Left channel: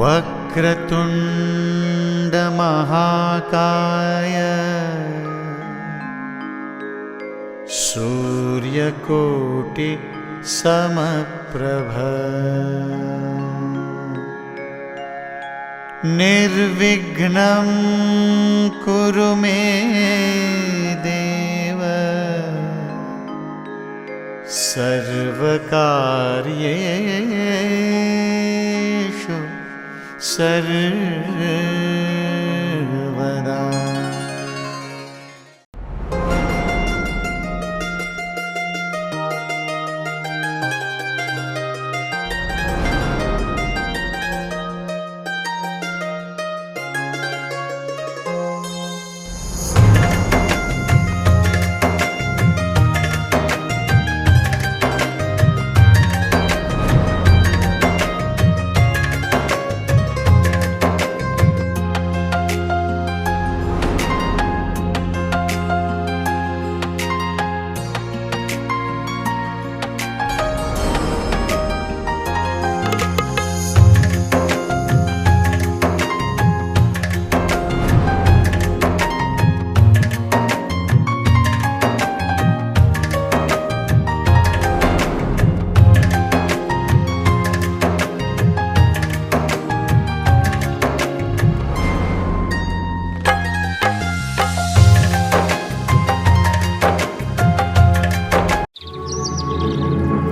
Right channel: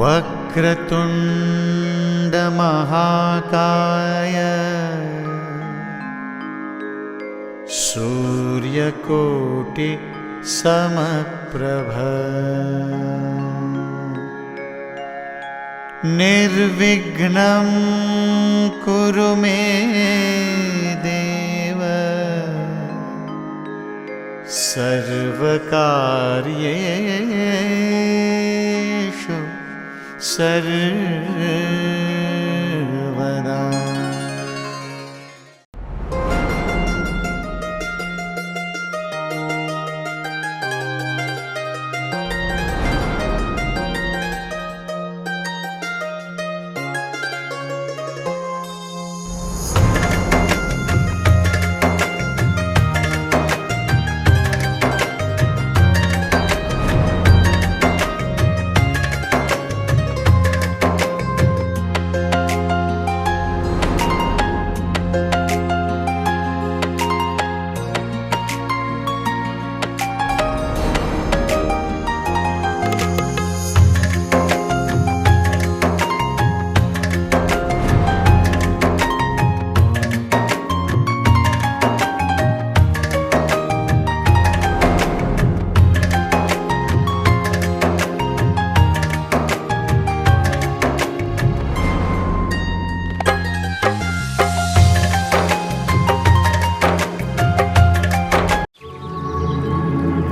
वक्रतुंड महाकाय सूर्यकोटि समप्रभ निर्विघ्नं कुरु मे देव सर्वकार्येषु सर्वदा।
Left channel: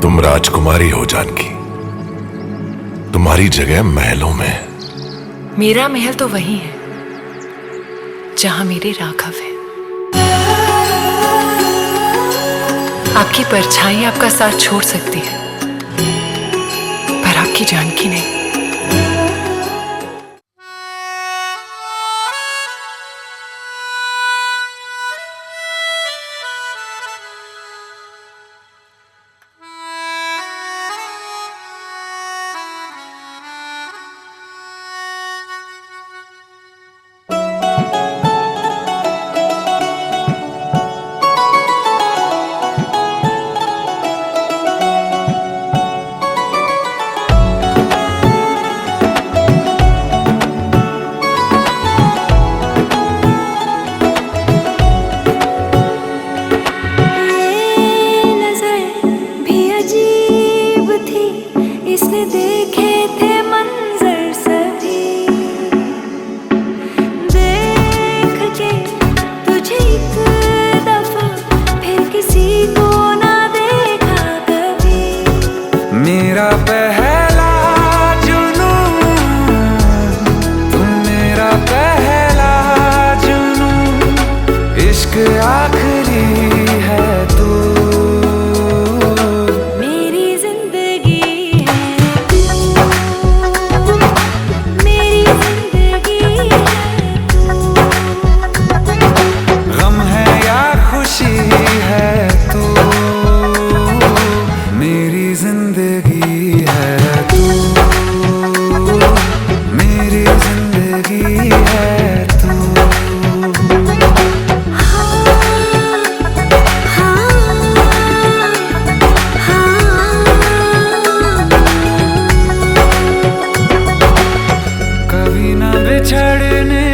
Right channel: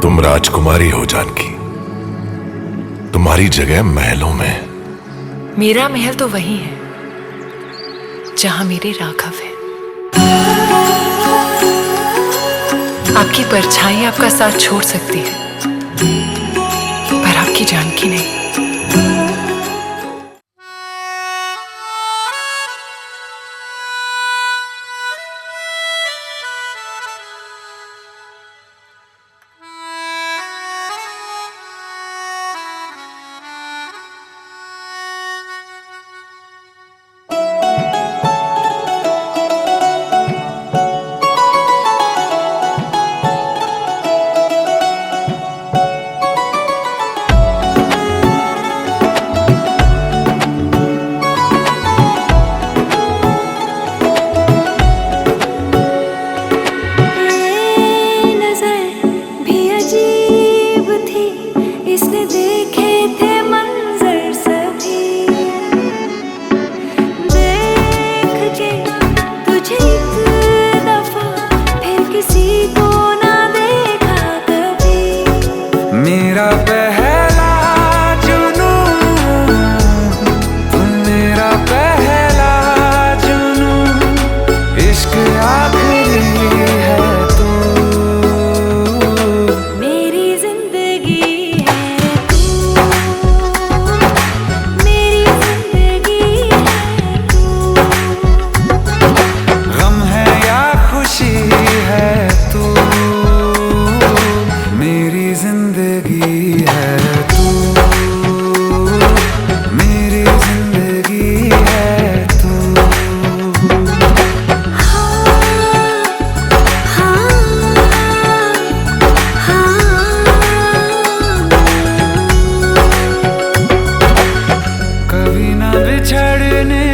तुम राजकुमारी हो जानकी, तुम्हारी जगह महलों में। मेरा महल तो वही है जहां मेरे राघव है। आपकी परछाई आपका साथ छोड़ सकती है, पर आपकी जानकी नहीं। इसने देखे थे मंजर सभी, देख के तुझे एक दफा फिर किसी को ना देखा कभी। मेरा पहला जुनून, तुम मेरा पहला जुनून, इश्क आखिरी है तू। बिछड़ने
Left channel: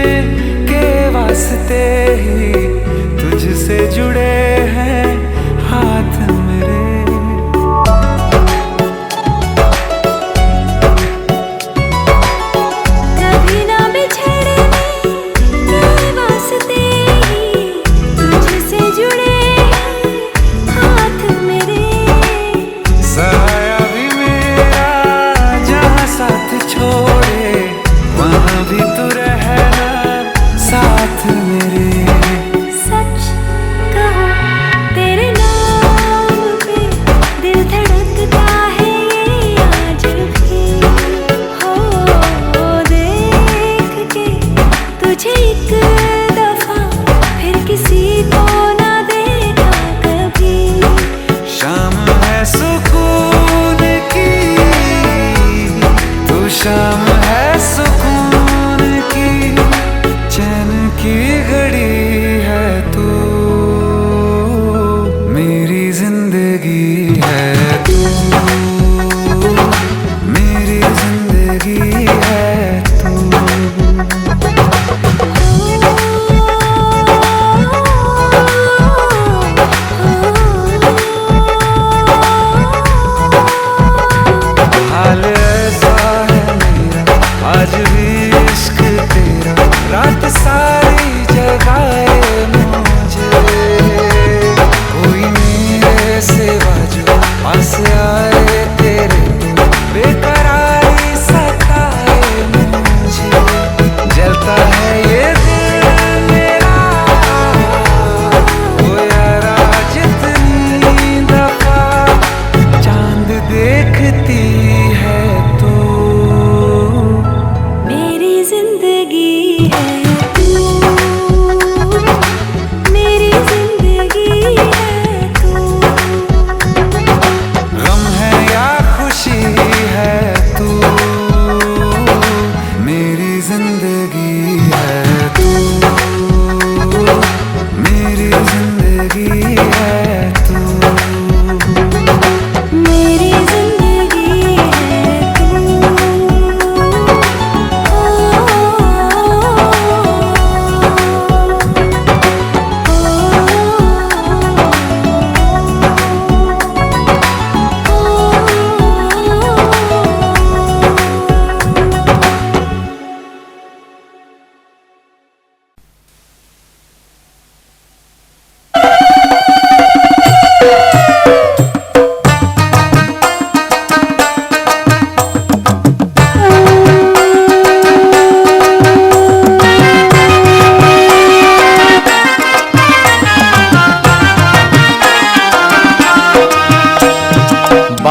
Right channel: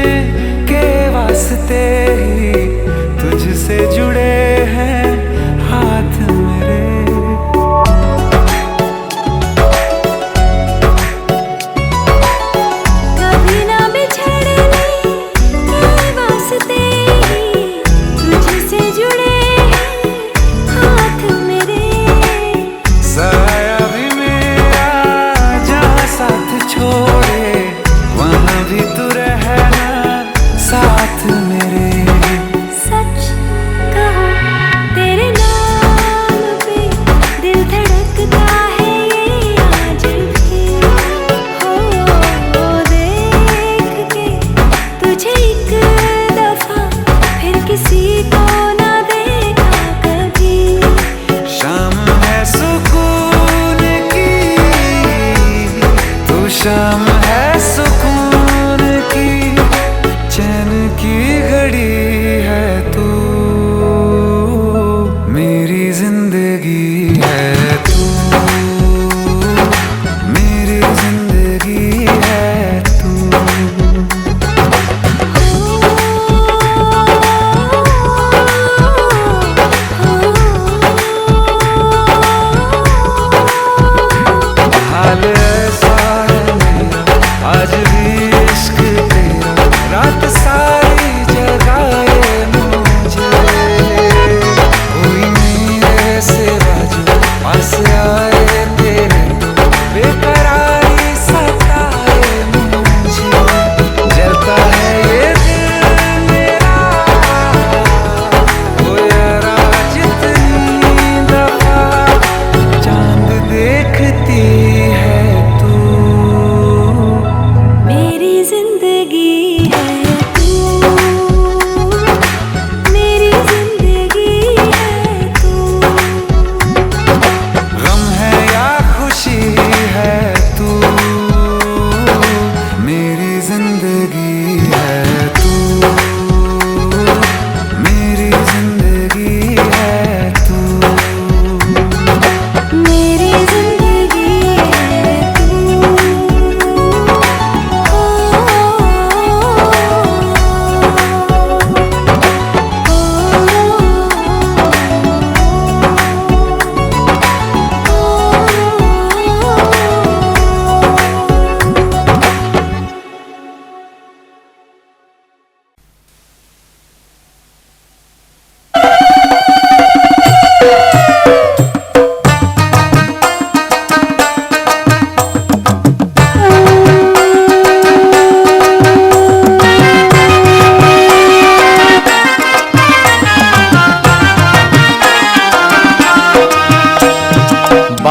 के वास्ते ही तुझसे जुड़े हैं हाथ मेरे। कभी ना बिछड़ने के वास्ते ही तुझसे जुड़े हैं हाथ मेरे। साया भी मेरा जहाँ साथ छोड़े, वहाँ भी तू रहना साथ मेरे। सच कहो तेरे नाम पे दिल धड़कता है ये आज भी। हो देख के तुझे एक दफा फिर किसी को ना देखा कभी। शाम है सुकून की, तू शाम है सुकून की, चैन की घड़ी है तू। मेरी जिंदगी है तू, मेरी जिंदगी है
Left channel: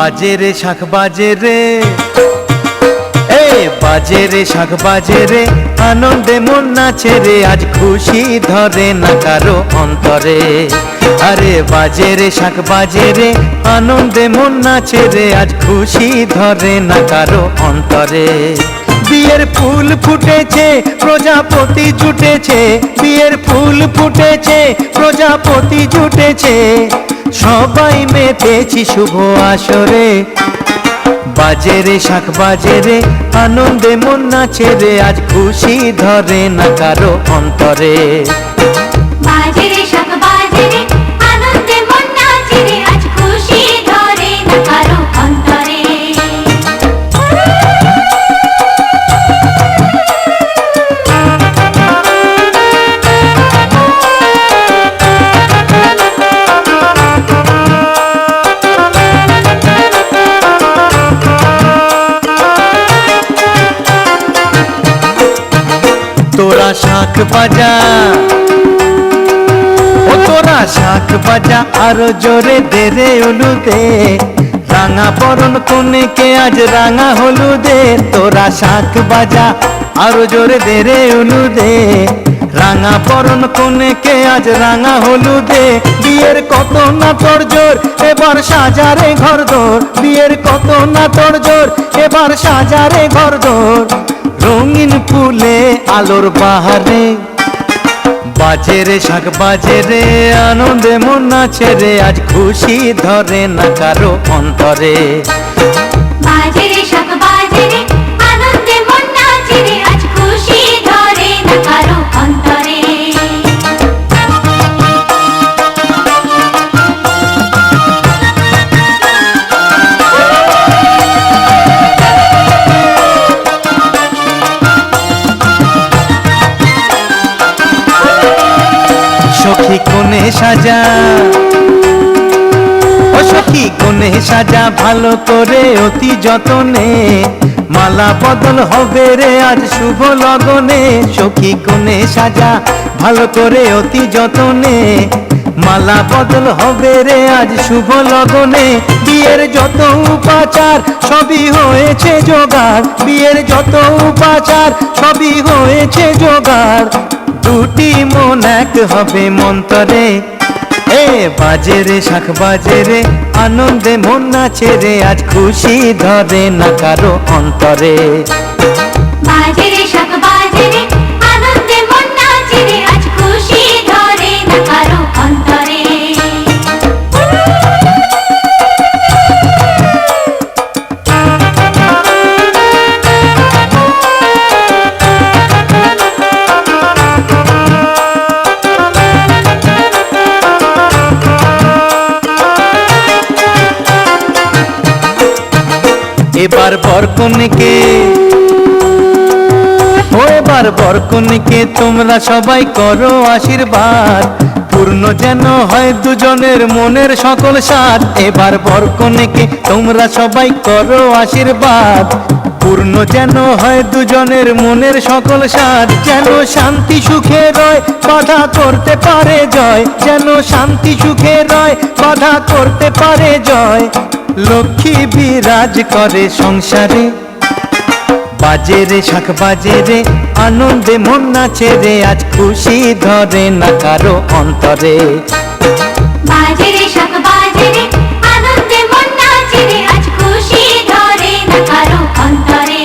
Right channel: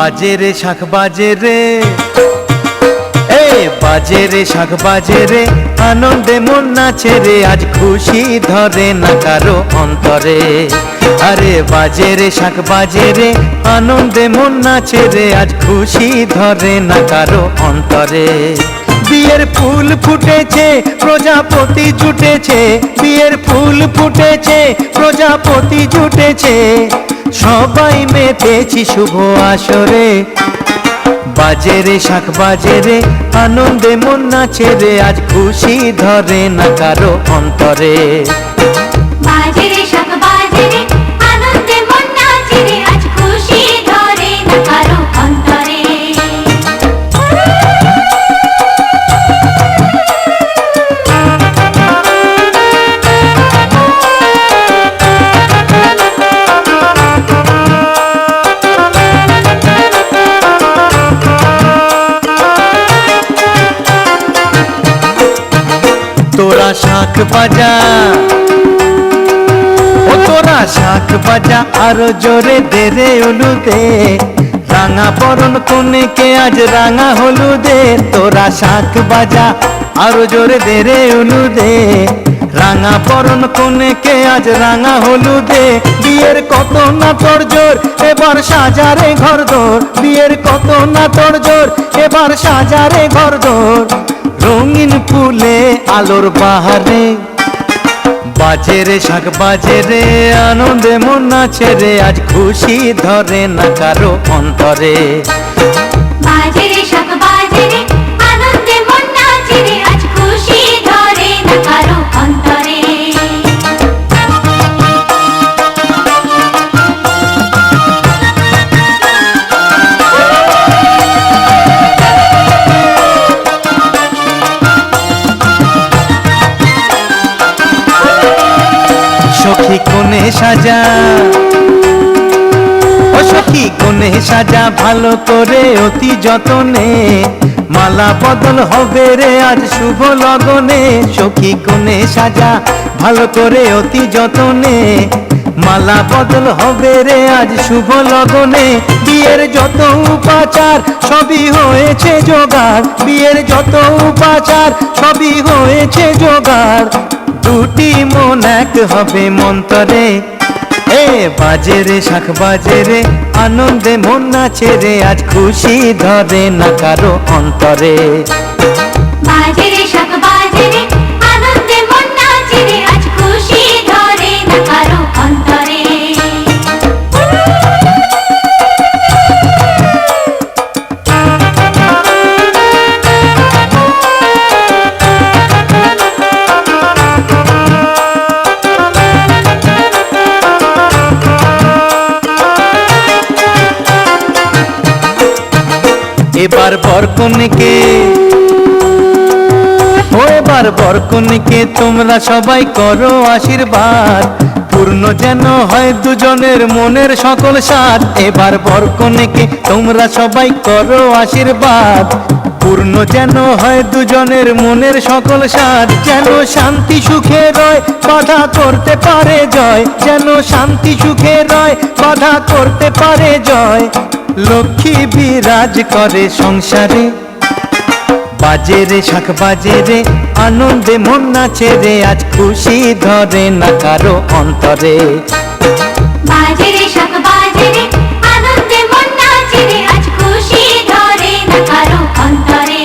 বাজে রে শাখ বাজে রে, এ বাজে রে শাখ বাজে রে, আনন্দে মন নাচে রে, আজ খুশি ধরে না কারো অন্তরে। আরে বাজে রে শাখ বাজে রে, আনন্দে মন নাচে রে, আজ খুশি ধরে না কারো অন্তরে। বিয়ের ফুল ফুটেছে প্রজাপতি জুটেছে, বিয়ের ফুল ফুটেছে প্রজাপতি জুটেছে, সবাই মেতেছি শুভ আসরে। বাজে রে শাখ বাজে রে, আনন্দে মন নাচে রে, আজ খুশি ধরে না কারো অন্তরে। বাজে রে শাখ বাজে রে, আনন্দে মন নাচে রে, আজ খুশি ধরে না কারো অন্তরে। তোরা শাখ বাজা, ও তোরা শাখ বাজা, আরো জোরে দে রে উলুদে, রাঙা বরণ কনেকে আজ রাঙা হলুদে। তোরা শাখ বাজা, আরো জোরে দে রে উলুদে, রাঙা বরণ কনেকে আজ রাঙা হলুদে। বিয়ের কত না তোর জোর, এবার সাজারে ঘর দোর, বিয়ের কত না তোর জোর, এবার সাজারে ঘর দোর, রঙিন ফুলে আলোর বাহারে। বাজে রে শাখ বাজে রে, আনন্দে মন নাচে রে, আজ খুশি ধরে না কারো অন্তরে। বাজে রে শাখ বাজে রে, আনন্দে মন নাচে রে, আজ খুশি ধরে না কারো অন্তরে। সখী কোণে সাজা, ও সখী কোণে সাজা, ভালো করে অতি যতনে, মালা বদল হবে রে আজ শুভ লগনে। সখী কোণে সাজা, ভালো করে অতি যতনে, মালা বদল হবে রে আজ শুভ লগনে। বিয়ের যত উপাচার সবই হয়েছে জোগাড়, বিয়ের যত উপাচার সবই হয়েছে জোগাড়, দুটি মন এক হবে মন্তরে। এ বাজে রে শাখ বাজে রে, আনন্দে মন নাচে রে, আজ খুশি ধরে না কারো অন্তরে। বাজে রে শাখ বাজে রে, আনন্দে মন নাচে রে, আজ খুশি ধরে না কারো অন্তরে। এবার বরকনেকে, ও এবার বরকনেকে তোমরা সবাই করো আশীর্বাদ, পূর্ণ যেন হয় দুজনের মনের সকল সাধ। এবার বরকনেকে তোমরা সবাই করো আশীর্বাদ, পূর্ণ যেন হয় দুজনের মনের সকল সাধ। যেন শান্তি সুখে রয়, বাধা করতে পারে জয়, যেন শান্তি সুখে রয়, বাধা করতে পারে জয়, লক্ষ্মী বিরাজ করে সংসারে। বাজে রে শাখ বাজে রে, আনন্দে মন নাচে রে, আজ খুশি ধরে না কারো অন্তরে। বাজে রে শাখ বাজে রে, আনন্দে মন নাচে রে, আজ খুশি ধরে না কারো অন্তরে।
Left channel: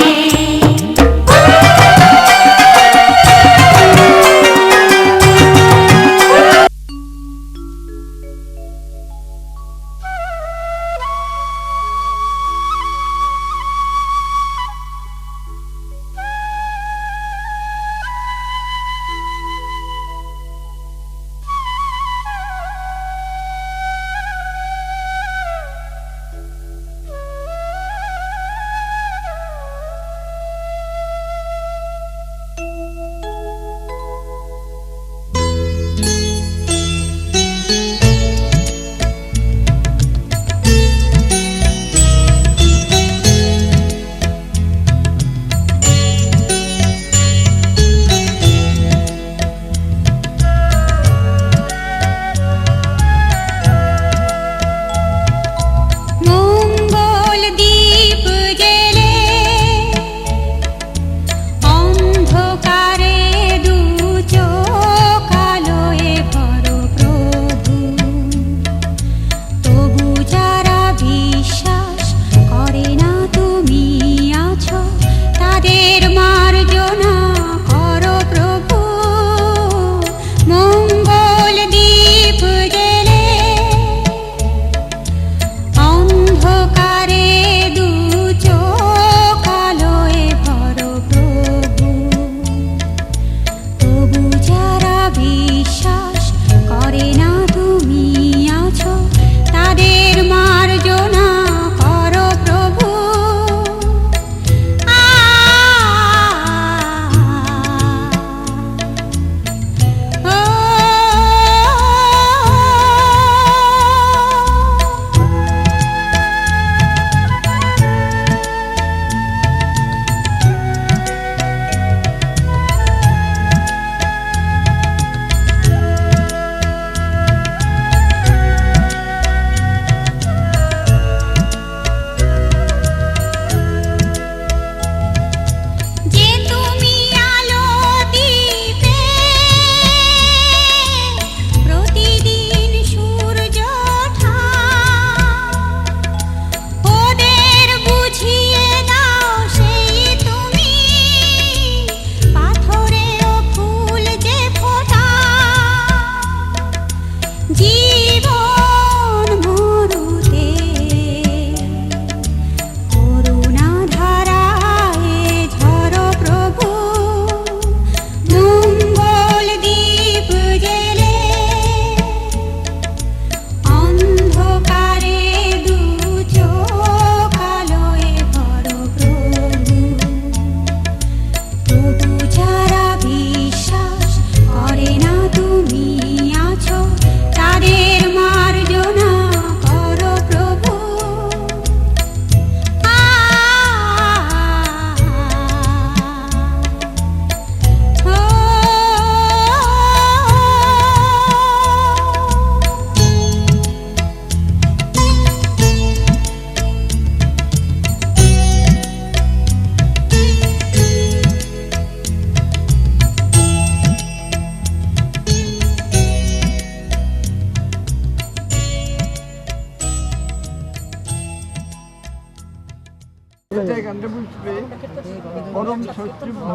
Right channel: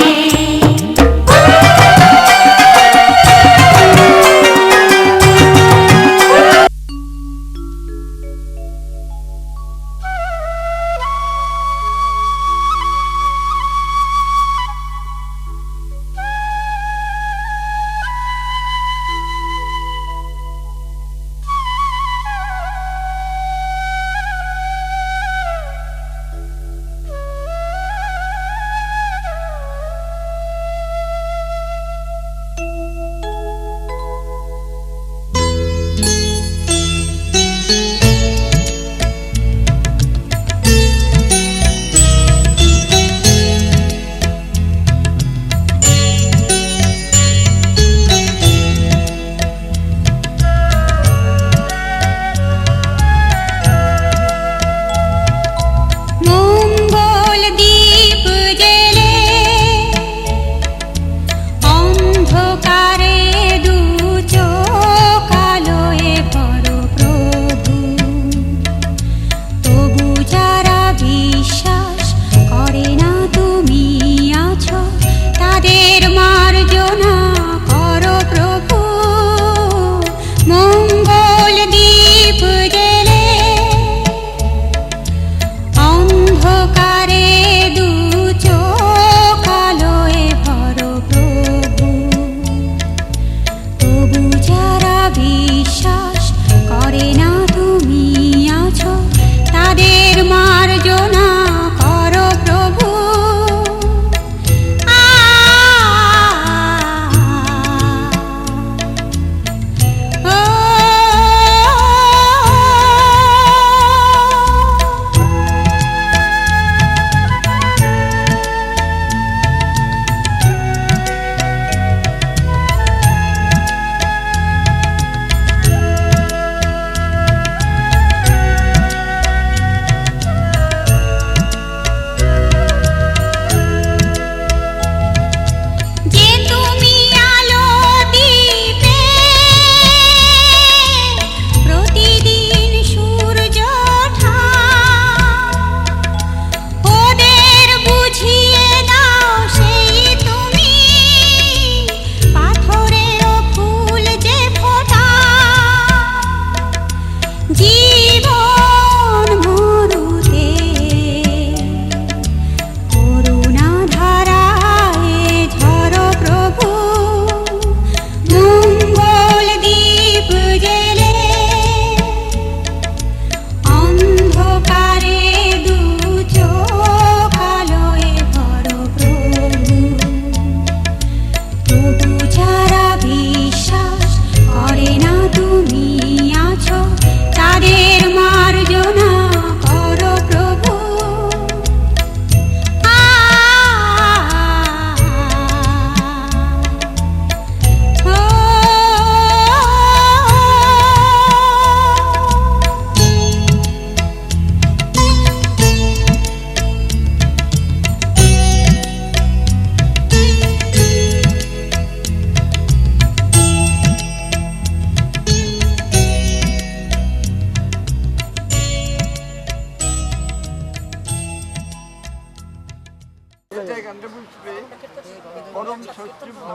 ষষ্ঠীভ্য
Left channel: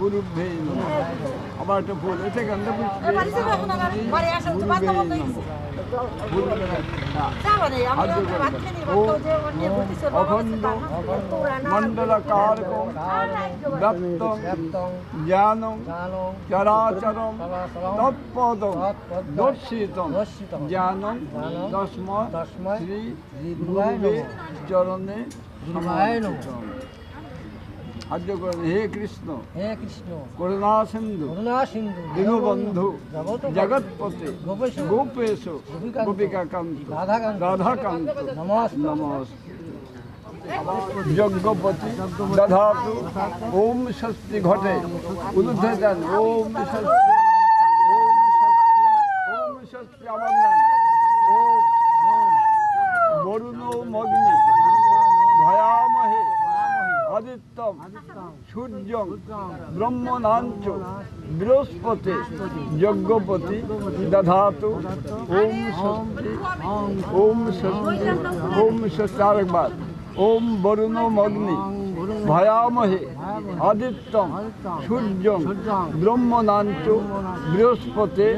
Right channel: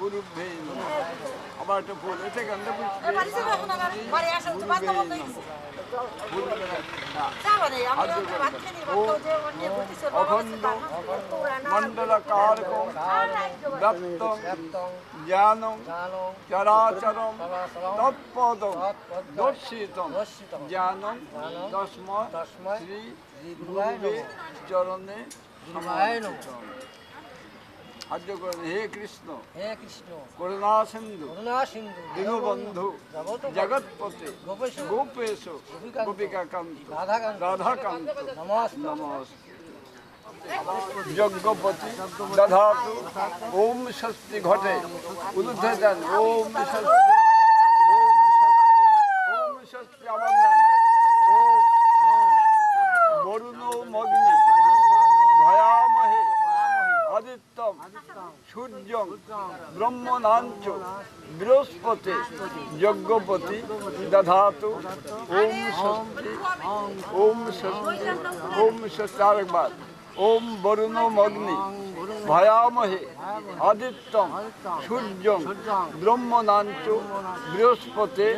গুরুভ্যে নমঃ। আবার একটা ফুল এতে গন্ধ পুষ্পে গুরুভ্যে নমঃ। ফুল অখণ্ড মণ্ডলকারকম দত্তং জ্ঞানং চরাচরম তৎপদং দর্শিতং জ্ঞানং তস্মৈ শ্রী গুরুবে চরণে সমর্পিতম। আদ্য করেন হে কৃষ্ণ করুণা সিন্ধু দীনবন্ধু জগৎপতে গোপেশ গোপিকাকান্ত রাধাকান্ত নমস্তে। যজ্ঞপতি দধাতু ওম স্বস্তি ঘটে উলুদ্ধে দেন ওম স্বস্তি ওম স্বস্তি ওম স্বস্তি আবার দেন ওম বরুণ মগ্নি ভয়ামহে আদিত্যম সূর্যং ব্রহ্মণাঞ্চ বৃহস্পতি যজ্ঞপতি দধাতু ওম স্বস্তি ওম স্বস্তি ওম স্বস্তি আরেকবার ওম বরুণ মগ্নি ভয়ামহে আদিত্যম সূর্যং ব্রহ্মণাঞ্চ বৃহস্পতি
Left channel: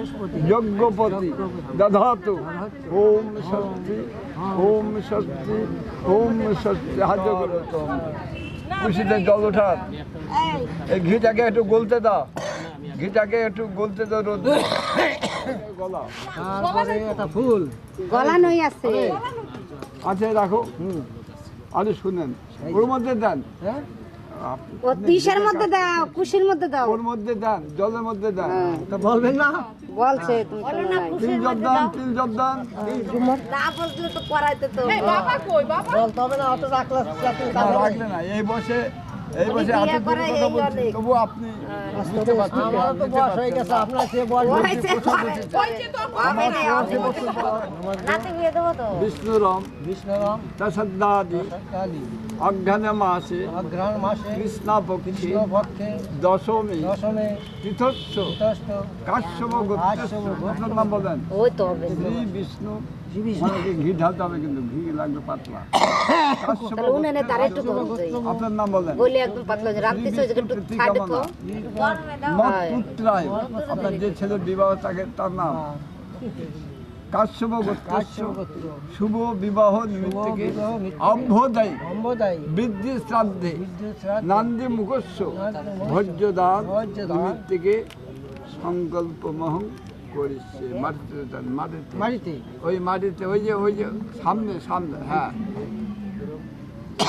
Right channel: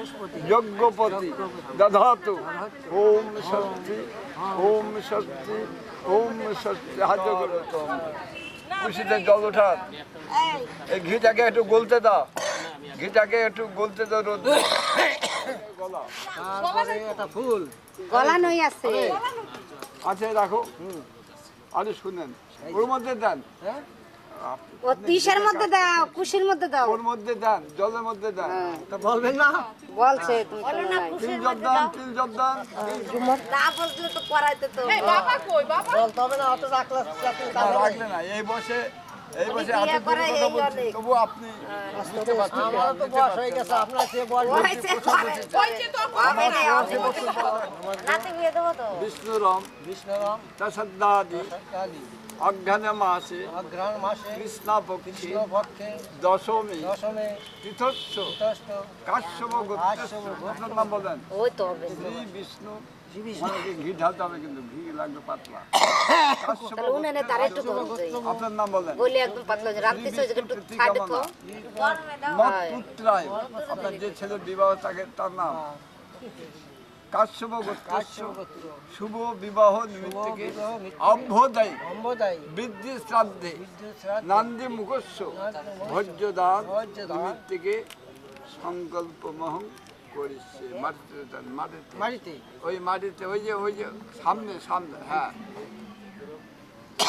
যজ্ঞপতি দধাতু ওম স্বস্তি ওম স্বস্তি ওম স্বস্তি। হাত করে তো খুশিতে জল ওঠার এই ঘিটাকে একটু গলতে দাও, ঘিটাকে একটু গলতে দাও রোদ গলা একটা ফুল গলা নই আছে আছে রাখো। আরে শুনেন ওর মধ্যে দেন, ও তিসের মধ্যে দাও, কুশির মধ্যে দাও, ওর মধ্যে দেন, জলের মধ্যে দেন। তা বলবেন না বলছে তুমি শোনো নাই। তিল জব দেন, তিল জব দেন। না বলছিলে তো করাইতে তো বলতে হবে না, অত রাখলে রাখলে না, এই বসে হাতে ধরে কথা বলছি, তবু আপনি বুঝতে পারছেন। আমার তো বয়স হয়ে গেছে, আপনার সে বয়স নাতি বিয়ে দেবো তো। বিষ্ণুরম কৃষ্ণরাম তসদ্দাদি অজ্ঞান মাসে অগ্রহণ মাসে কৃষ্ণপক্ষে কৃষ্ণ পক্ষে দশমী দশমে তীর্থস্য তীর্থস্থ কাশ্যপ কাশ্যপ গোত্র। আপনার নাম বলেন ওই তো হবে শ্রী বিষ্ণু। অনেকে ঘি ঢালতে হবে, কিন্তু ঘি লাগবে পাতলা। কাশ্যপ তাহলে উনানে তার একটু দাও আপনার নাম বলেন বলে একদম পাতলা রাত্রি সে একটু ছাড় তো মত পুত্রায় আপনার যে ছেলে বিবাহ থাকে তার নাম কাশ্যপ গোত্রস্য শুভ বিবাহ নিমিত্তকে অভ্যদায়ী অম্বদায়ী বৃদ্ধি শ্রাদ্ধে নান্দি মুখস্য ভোজ্যদান নিমিত্তকে সংকল্প মহং করেছে। মাটিতে দেন, মাটিতে ওই মাটিতে ওই যে সামনে হ্যাঁ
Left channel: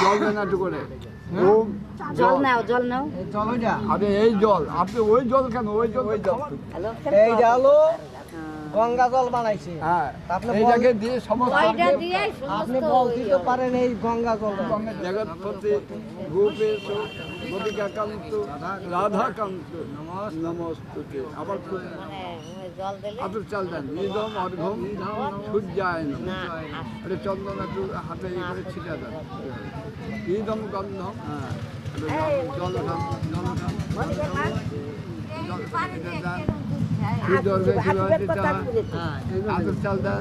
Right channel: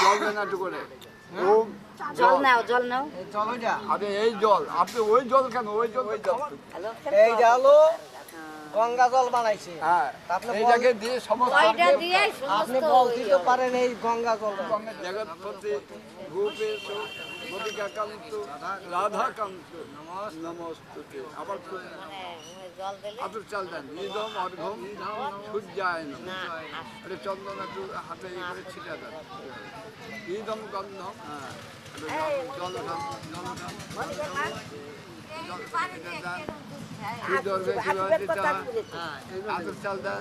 জল দেন একটু করে। ওম জল নাও, জল নাও। চলো যা আরে এই জল, আপনি ওই জল কেন, ওই জল হ্যালো এই জালো গঙ্গা জল বানাইছে। হ্যাঁ আপনি এইটাকে দিয়ে সমস্ত ওইটা দিয়ে আপনি বলতে তো পারেন এই গঙ্গা জল জগৎপতি গোপেশ গোপিকাকান্ত রাধাকান্ত নমস্তুতে। আবার জল দিলে আপনি চাল দেন নিদম অর্ঘম সূর্যায় নমঃ। আরে চন্দন একটু হাতে ইয়ে করে ছিটা দেন। ইদম গন্ধম জল দাম চাল দেন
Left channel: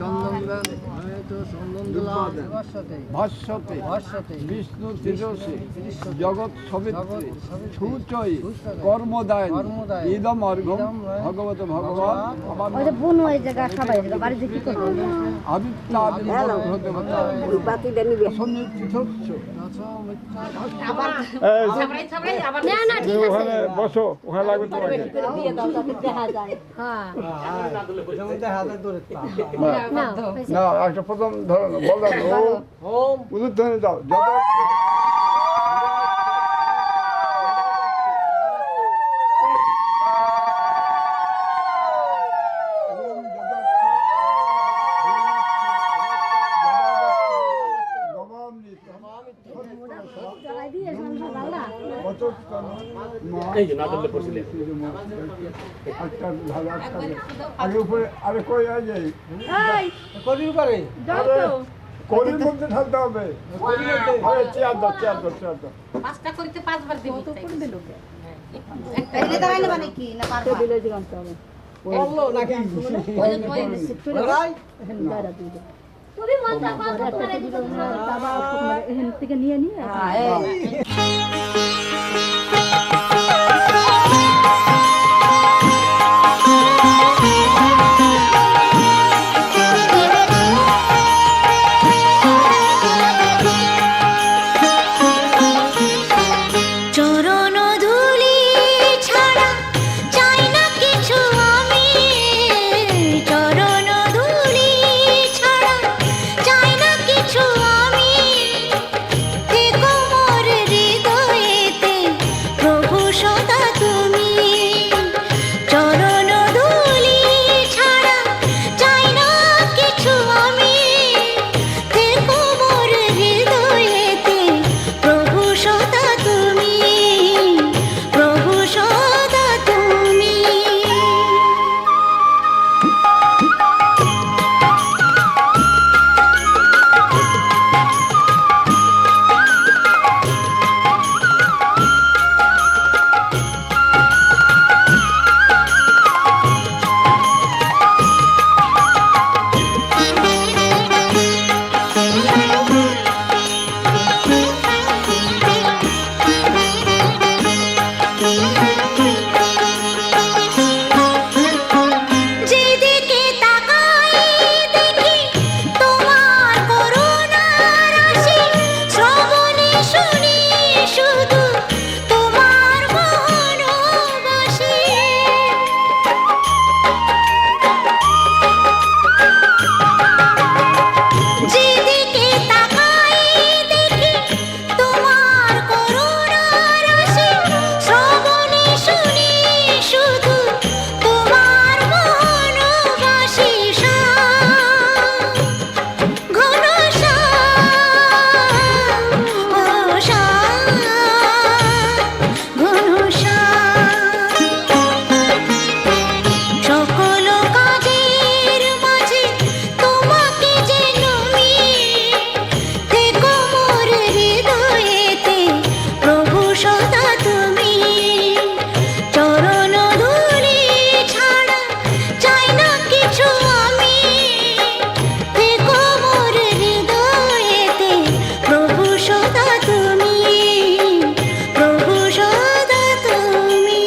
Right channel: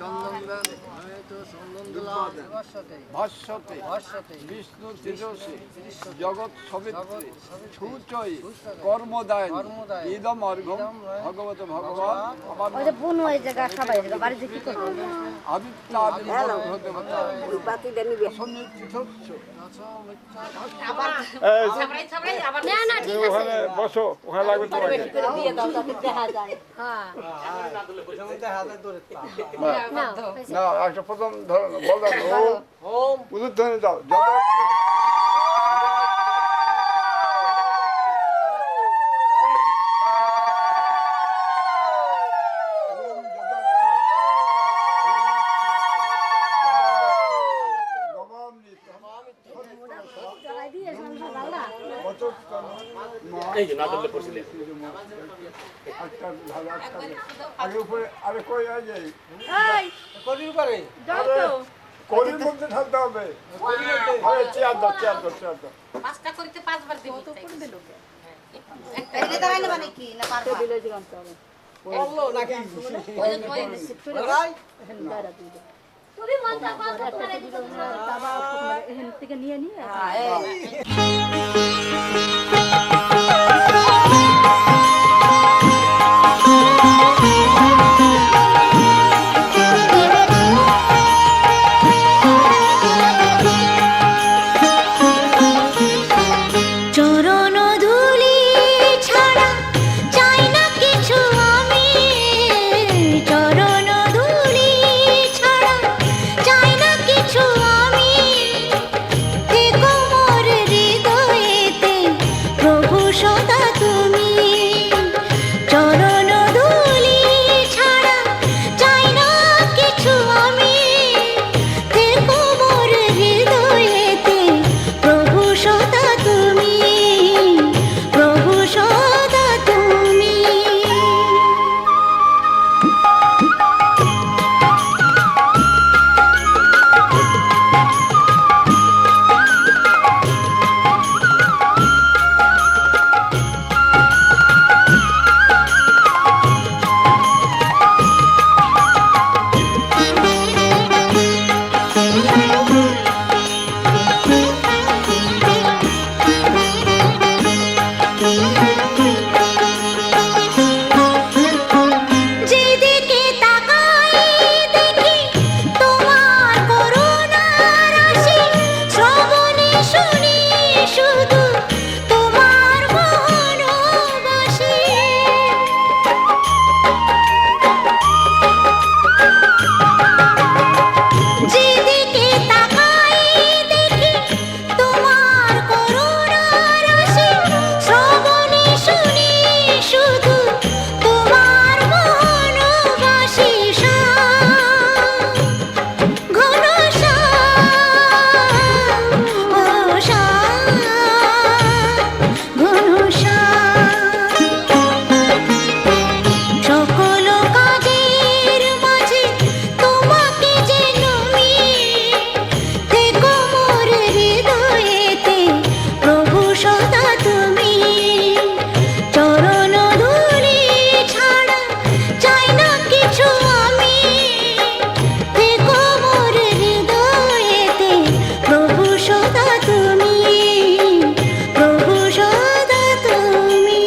চন্দন দেন ভাস্বতে বিষ্ণু তেজসে জগৎ সবিত্রী সুচয়ী কর্মদায় ইদম অর্ঘম ভগবত ভগবান ওই যে বোন ওই জায়গা সবাই জায়গা বাড়িতে কি করবে আদিত্য আদি হতে বাতি দেন নিবে না না ঠিক আছে ওখানে বসো, ওখানে লাগবে তোমাকে। দিয়ে দাও তাতে দেখা যায় হ্যাঁ না না একটা প্রথম ধরো বললাম ওম উলুধ্বনি দাও যত আগে উপরে আরে কই যাই করির পারে কলির মধ্যে থাকতে হবে। আরে চেয়ার দাও পাঁচটা করিতে পাঁচবার দিব তো করে দিল এদিকে দাঁড়াই না মানে কি না পারবা দিলে দিগাম তো বললো নাকি ওই ভাই চরণ ধুলি ছাড়া চাই না কিছু আমি, চরণ ধুলি ছাড়া চাই না কিছু আমি, থেকো মোর হৃদয়েতে প্রভু সদা তুমি। চরণ ধুলি ছাড়া চাই না কিছু আমি, থেকো মোর হৃদয়েতে প্রভু সদা তুমি, প্রভু সদা তুমি। যেদিকে তাকাই দেখি তোমার করুণার রাশি, শ্রবণে শুনি শুধু তোমার মনোবাসী। যেদিকে তাকাই দেখি তোমার করুণার রাশি, শ্রবণে শুনি শুধু তোমার মনোবাসী। ঘন সকল কাজের মাঝে তোমাকে যে নমি, থেকো মোর হৃদয়েতে প্রভু সদা তুমি। চরণ ধুলি ছাড়া চাই না কিছু আমি, থেকো মোর হৃদয়েতে প্রভু সদা তুমি, প্রভু সদা তুমি।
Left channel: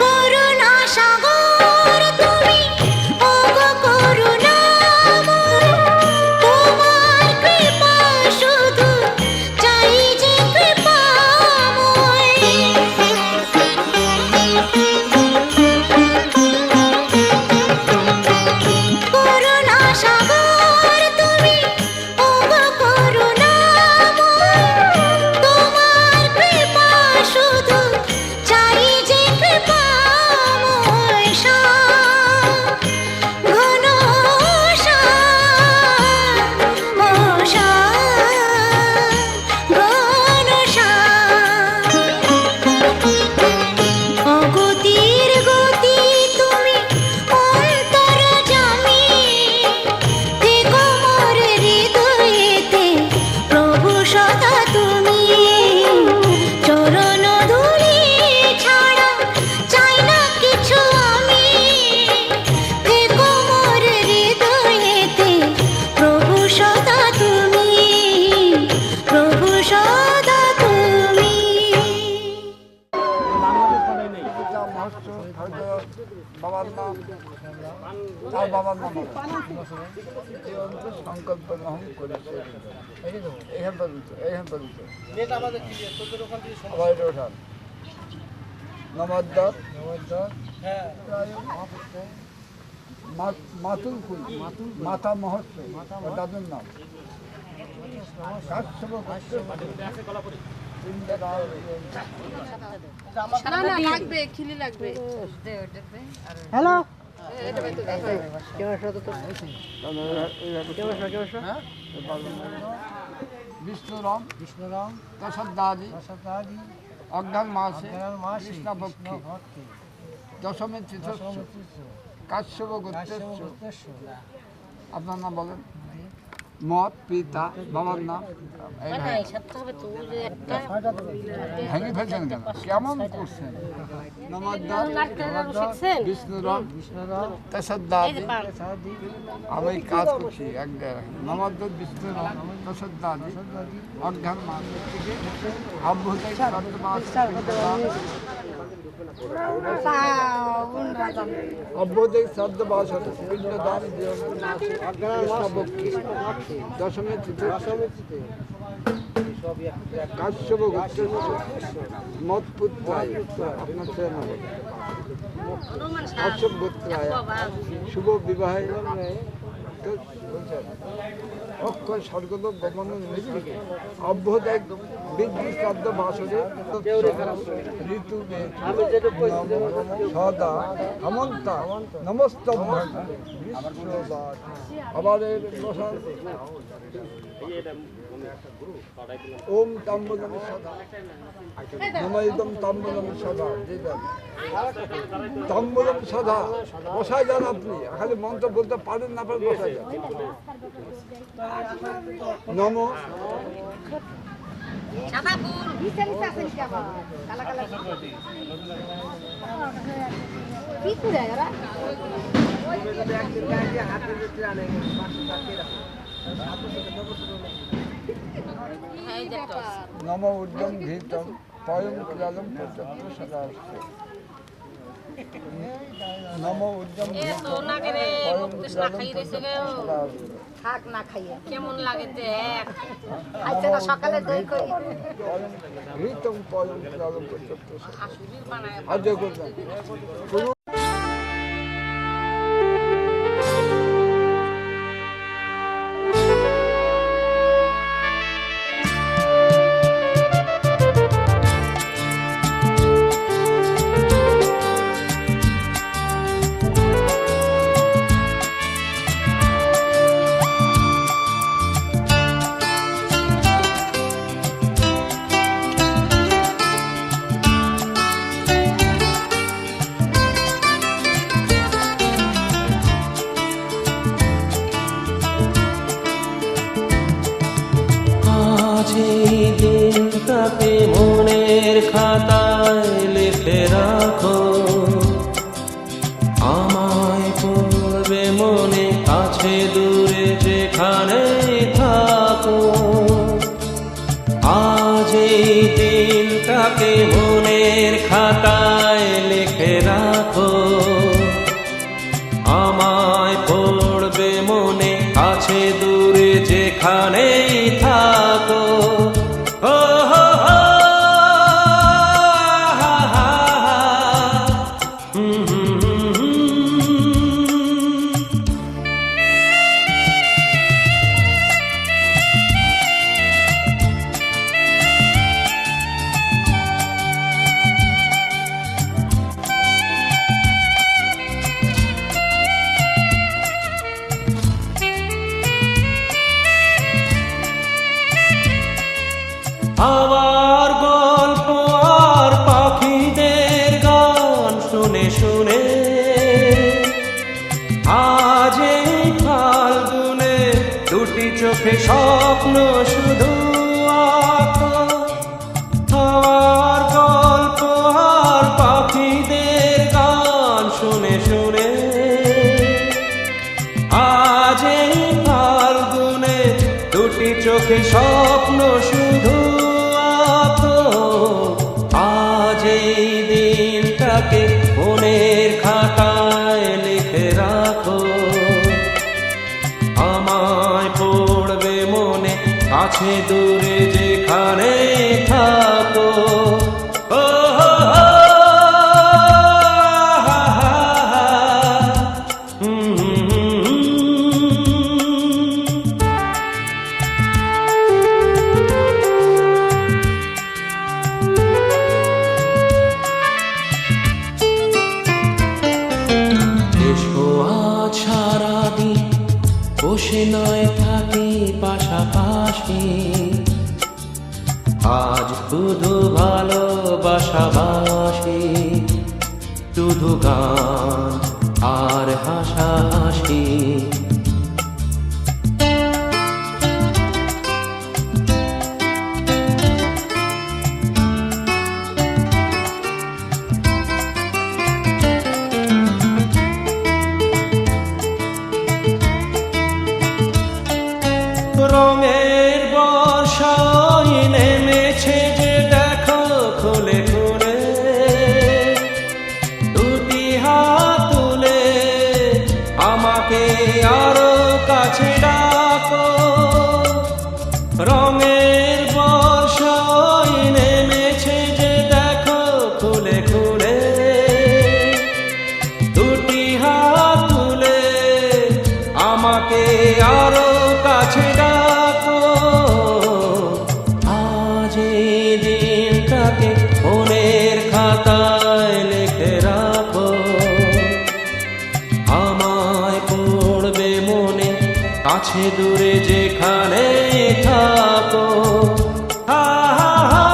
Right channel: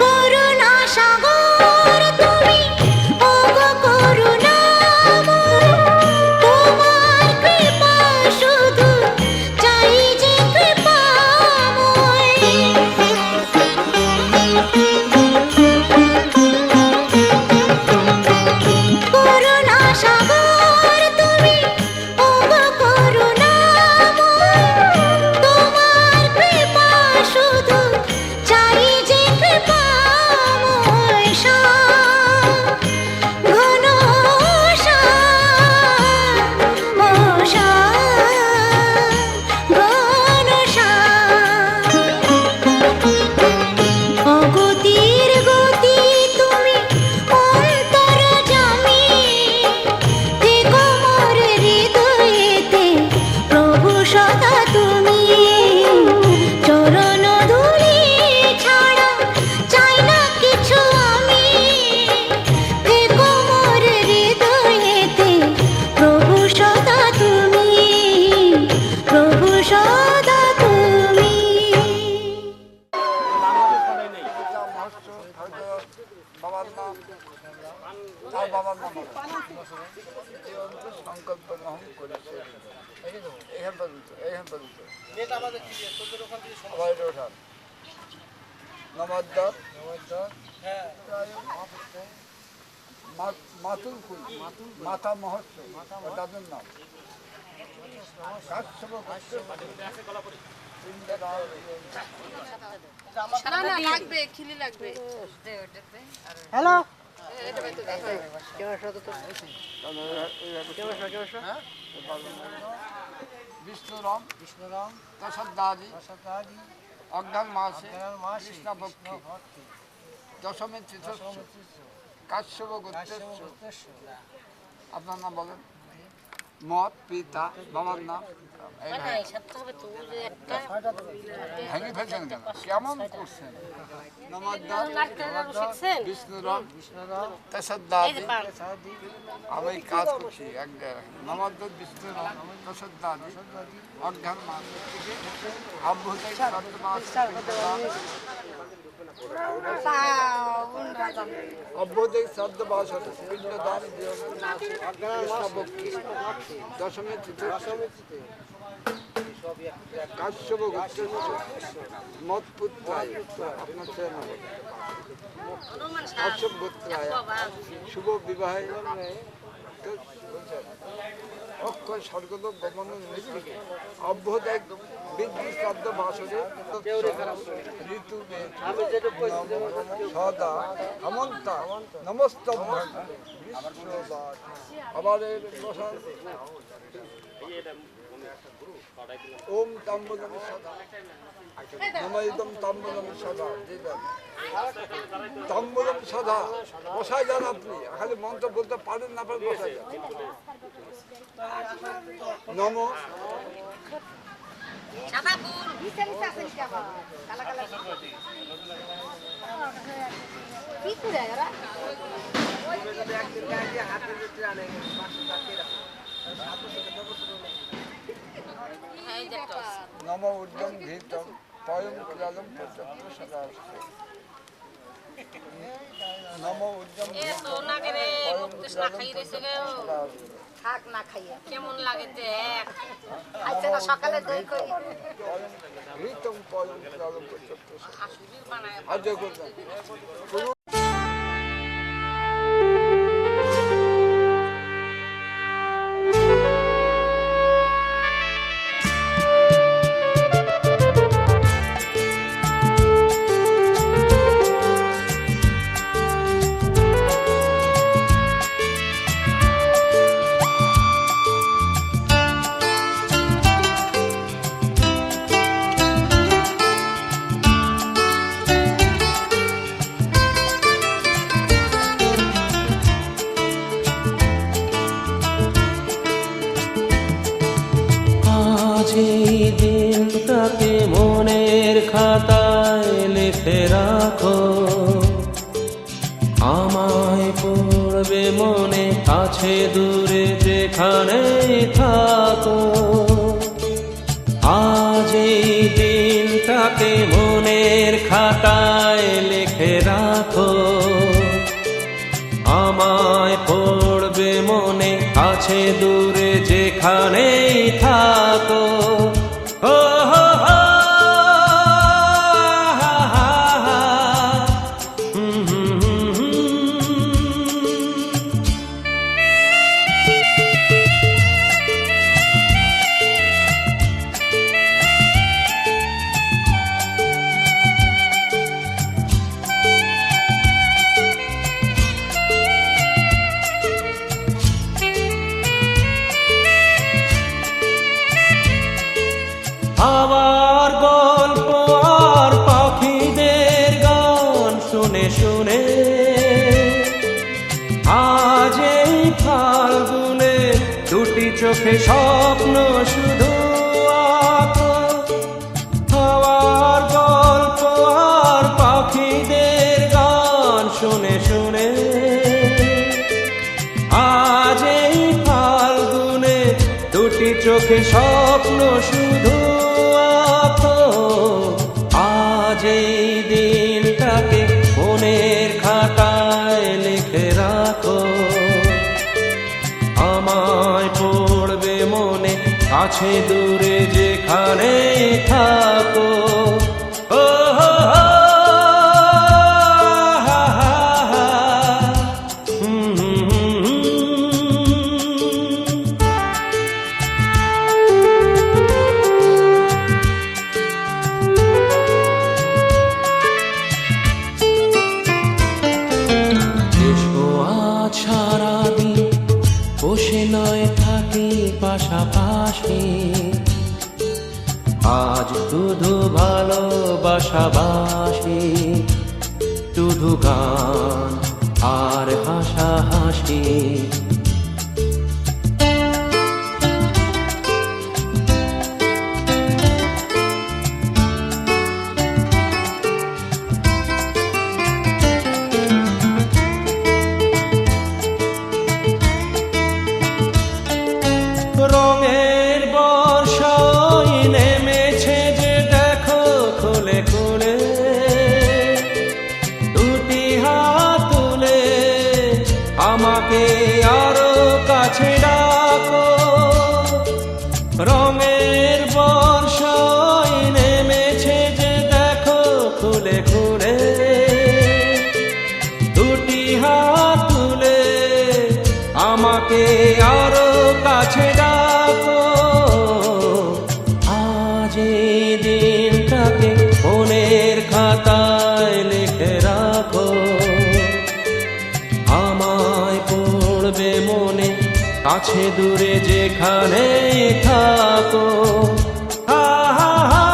করুণা সাগর তুমি, ওগো করুণাময়, তোমার কৃপা শুধু চাই যে কৃপাময়। করুণা সাগর তুমি, ওগো করুণাময়, তোমার কৃপা শুধু চাই যে কৃপাময়। ঘন অগতির গতি তুমি, অন্তর্যামী, থেকো মোর হৃদয়েতে প্রভু সদা তুমি। চরণ ধুলি ছাড়া চাই না কিছু আমি, থেকো মোর হৃদয়েতে প্রভু সদা তুমি, প্রভু সদা তুমি। বাবার নাম আর বাবার নাম সংকল্প গ্রহণ করেছে। এইখান পর্যন্ত নমদ্দর মাতুল ফুল, মাতা মহত্ব, তাদের নাম হ্যালো বিষ্ণুরাম দশদাদি অজ্ঞান মাসে কৃষ্ণভক্তি দশমী তীর্থ কাশ্যপ গোত্রের আপনার নাম বলেন। মত পিতা বাবার নাম এই ভাই ভেঙে ফেলছেন কেন? কেমন করছেন? বিষ্ণুরাম তসদ্দাদি আমি কাজ করছি এক জায়গায়। নমদ্দ বিষ্ণুরাম তসদ্দাদি অজ্ঞান মানুষ অভ্যুদয় অভ্যুদয় শ্রাদ্ধবাসন পিণ্ডদান দশমী তিথি কাশ্যপ গোত্রের মৎপুত্রায় আপনার ছেলে নাম কাশ্যপ গোত্রায় শুভ বিবাহে অক্ষয় স্বর্গলোক গমন নিমিত্তে অভ্যুদয় বিধি শ্রাদ্ধ বাসরে ঋতু সদা হেমন্তা নমস্তভ্যং বিশ্ববাস আবার ওম তাম্বুলম সদা নমইদম তাম্বুলম সদা তাম্বুলম সদা বসায় যান। আপনি খালি মন্ত্র বলতে পারেন না, পারেন বসায় যান। নম নম উদ্যম ঘৃতম পয়ম ক্লালম পর্যন্ত সদা নম উদ্যম ঘৃতম পয়ম ক্লালম সদা থাক না খাইয়ে কেমন লাগে দেখ আজকে না সকালে দই করি ঘৃতম পয়ম ক্লালম পর্যন্ত আসুবির বানায় আজ করবেন। এই দিনটাকে মনের খাতায় লিখে রাখো, আমায় পড়বে মনে কাছে দূরে যেখানে থাকো। আজ এই দিনটাকে মনের খাতায় লিখে রাখো, আমায় পড়বে মনে কাছে দূরে যেখানেই থাকো। ও হো হো হা হা হা হাওয়ার গল্প আর পাখিদের গান শুনে শুনে আজ এই ফাল্গুনে দুটি চোখে স্বপ্ন শুধু আঁকো। হাওয়ার গল্প আর পাখিদের গান শুনে শুনে আজ এই ফাল্গুনে দুটি চোখে স্বপ্ন শুধু আঁকো। আজ এই দিনটাকে মনের খাতায় লিখে রাখো, আমায় পড়বে মনে কাছে দূরে যেখানে থাকো। ও হো হো হা হা হা সারাদিন বসে নয় থাকি পাশাপাশি, আজ শুধু ভালোবাসাবাসি, শুধু গান আর হাসাহাসি। রঙের বর্ষায় নেমেছে যে দেখো খুলে খুলে, দুটি হাত তুলে আমাকে আরো কাছে ডাকো। রঙের বর্ষায় নেমেছে যে দেখো খুলে খুলে, দুটি হাত তুলে আমাকে আরো কাছে ডাকো। আজ এই দিনটাকে মনের খাতায় লিখে রাখো, আমায় পড়বে মনে কাছে দূরে যেখানে থাকো। হা হা হা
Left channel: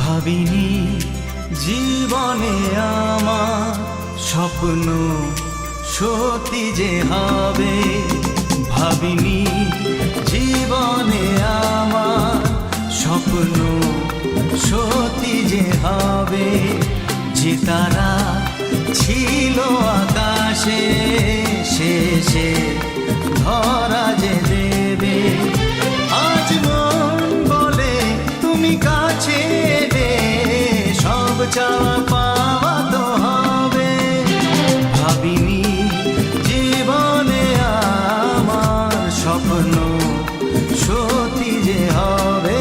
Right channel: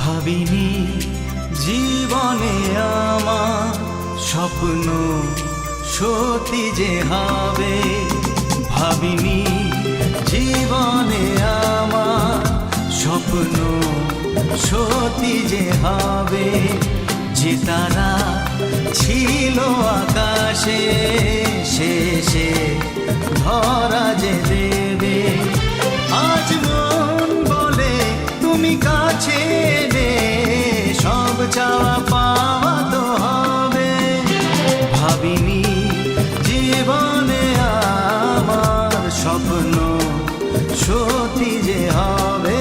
ভাবিনি জীবনে আমার স্বপ্ন সত্যি যে হবে, ভাবিনি জীবনে আমার স্বপ্ন সত্যি যে হবে। যে তারা ছিল আকাশে শেষে ধরা যে দেবে, আজ মন বলে তুমি কাছে এলে সব চাওয়া পাওয়া তো হবে। ভাবিনি জীবনে আমার স্বপ্ন সত্যি যে হবে।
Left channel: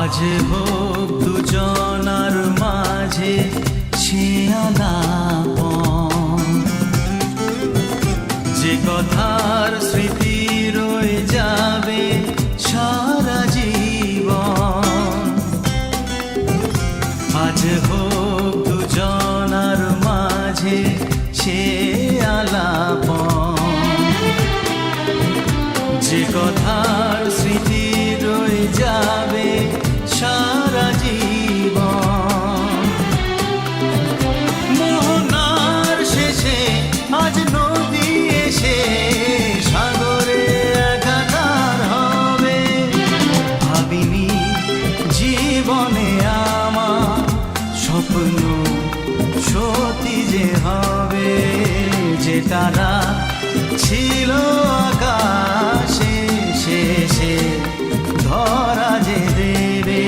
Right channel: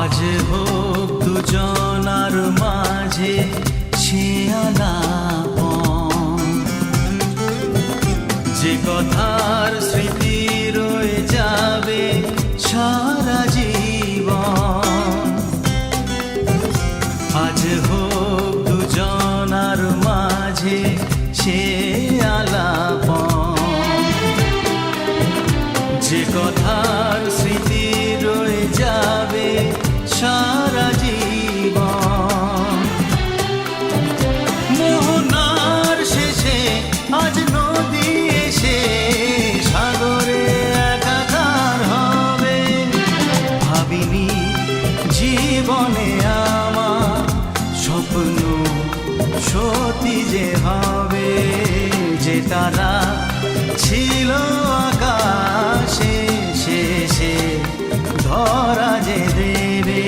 আজ হোক দুজনার মাঝে সে আলাপন, যে কথার স্মৃতি রয়ে যাবে সারা জীবন। আজ হোক দুজনার মাঝে সে আলাপন, যে কথার স্মৃতি রয়ে যাবে সারা জীবন। মোহনার শেষে আজ নদী এসে সাগরে একাকার হবে। ভাবিনি জীবনে আমার স্বপ্ন সত্যি যে হবে। যে তারা ছিল আকাশে সে যে দেবে।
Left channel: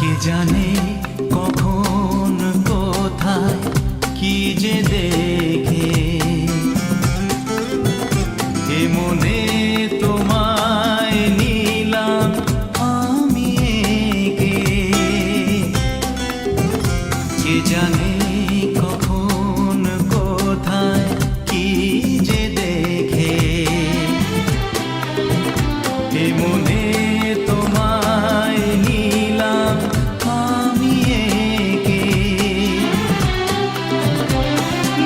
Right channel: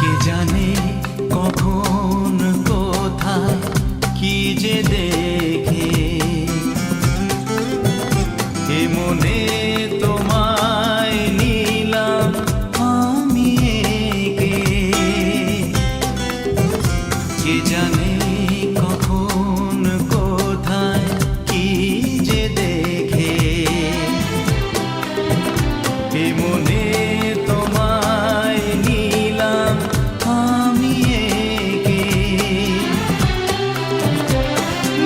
কে জানে কখন কোথায় কি যে দেখে এ মনে তোমায় নিলাম আমি একে। কে জানে কখন কোথায় কি যে দেখে এ মনে তোমায় নিলাম আমি একে।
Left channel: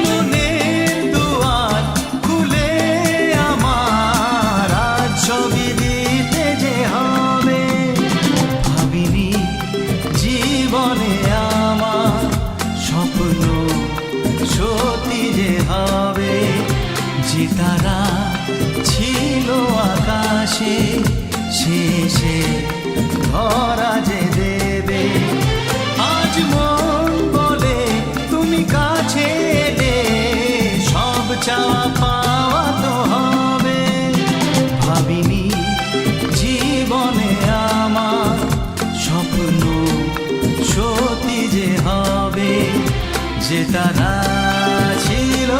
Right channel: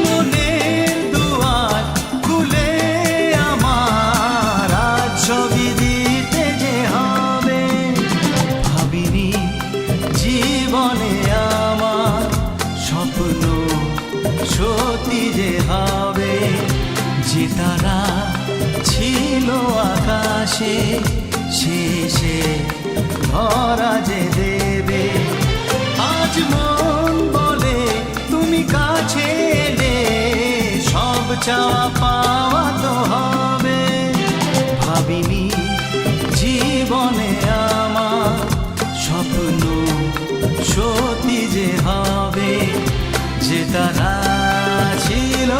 মনের দুয়ার খুলে আমার আজ ছবি দিতে যে হবে। ভাবিনি জীবনে আমার স্বপ্ন সত্যি যে হবে। যে তারা ছিল আকাশে শেষে ধরা যে দেবে। আজ মন বলে তুমি কাছে এলে সব চাওয়া পাওয়া তো হবে। ভাবিনি জীবনে আমার স্বপ্ন সত্যি যে হবে। যে তারা ছিল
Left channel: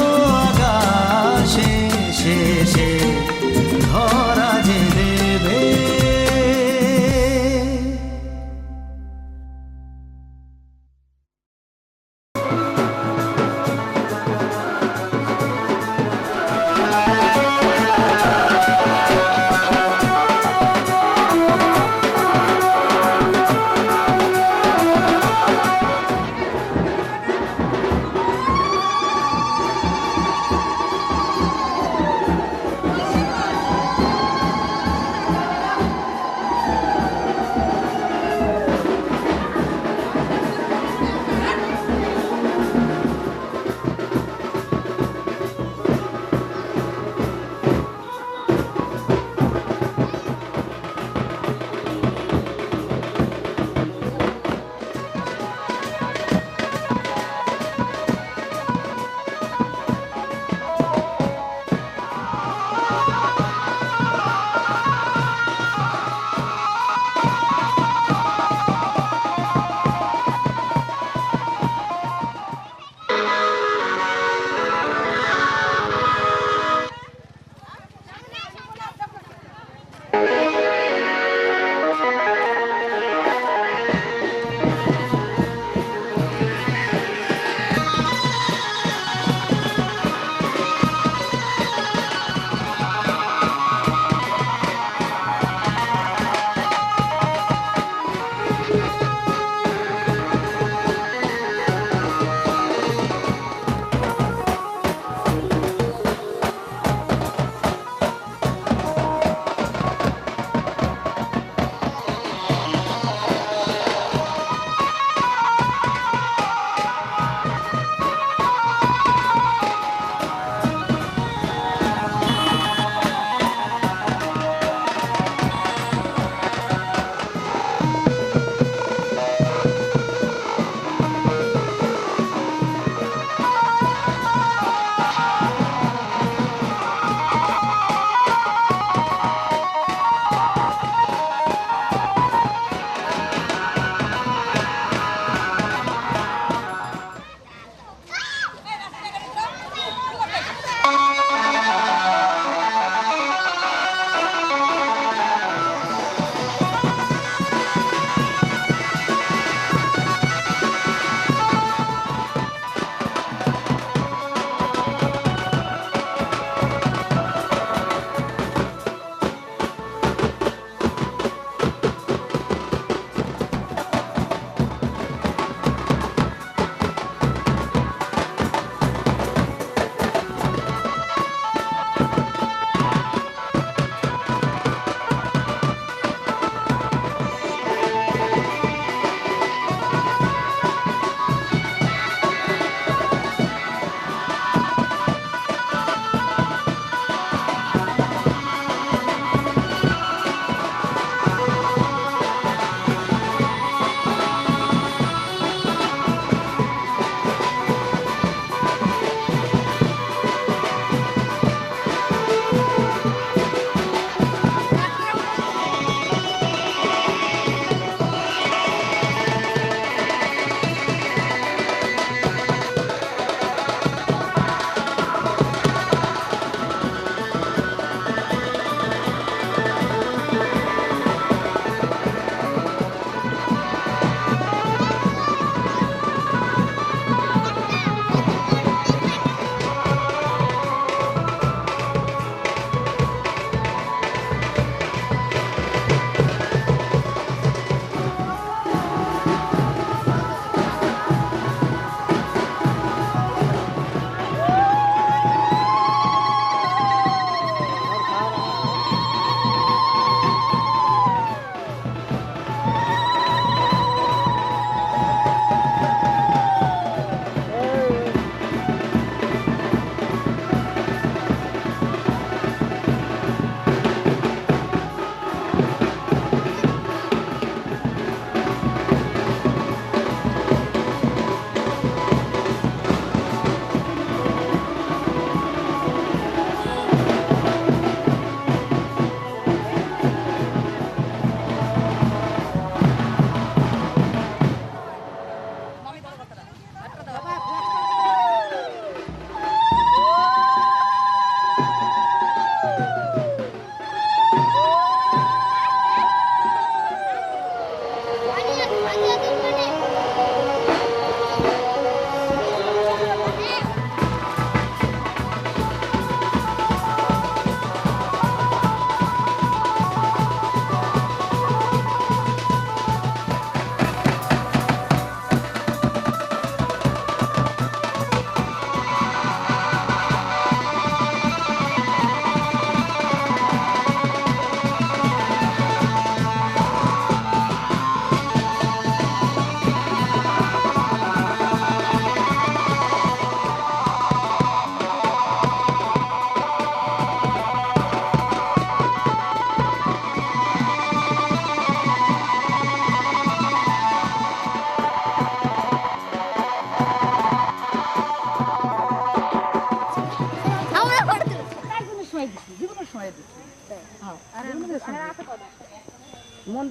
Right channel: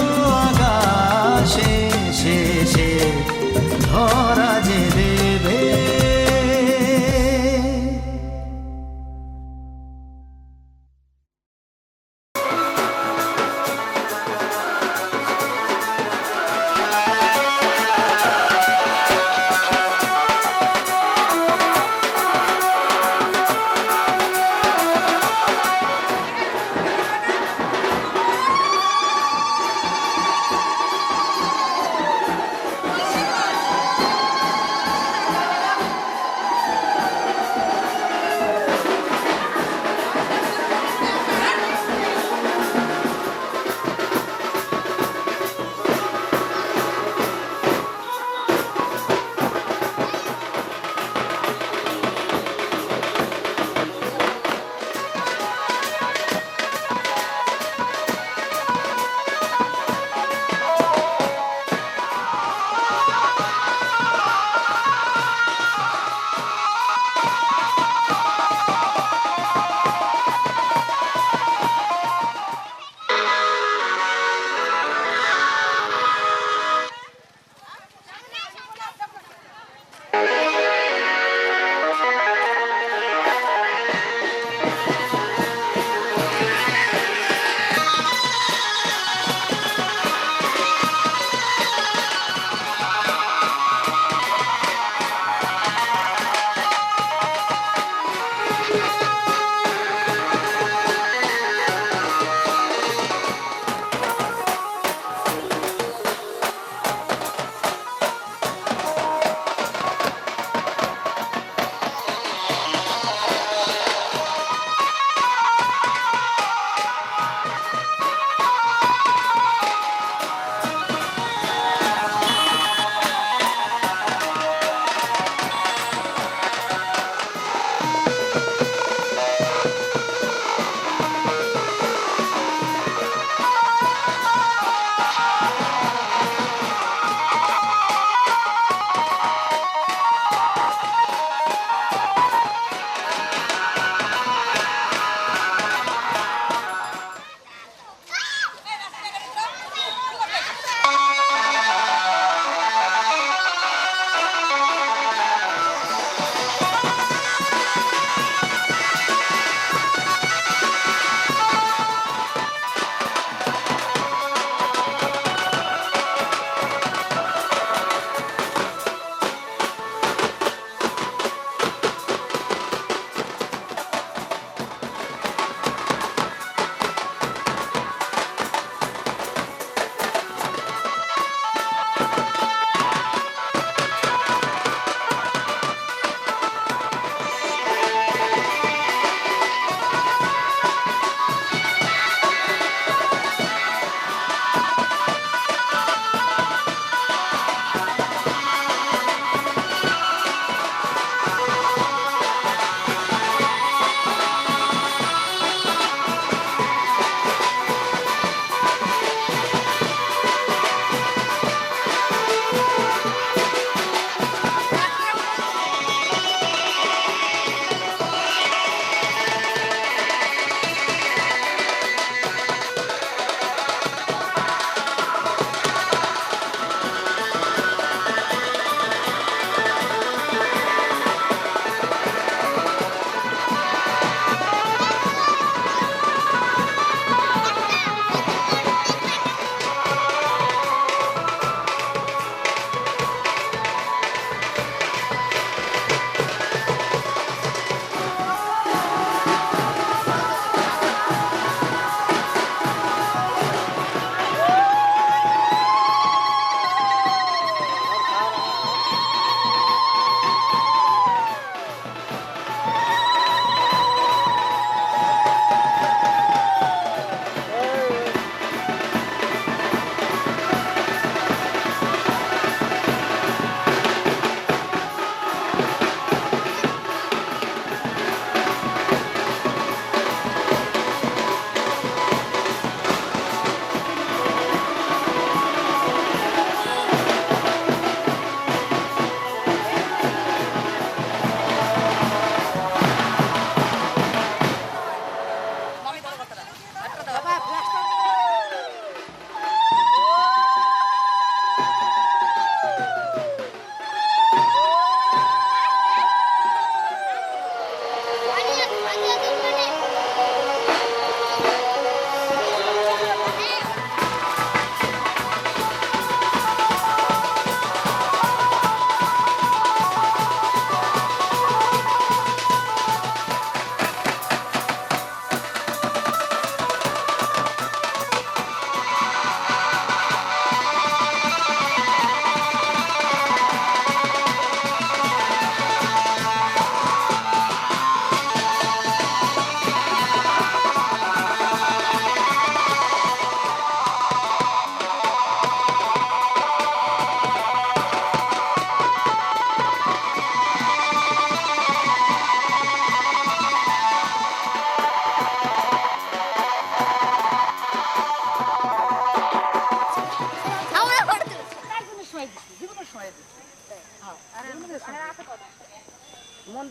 আকাশে শেষে ধরা যে দেবে।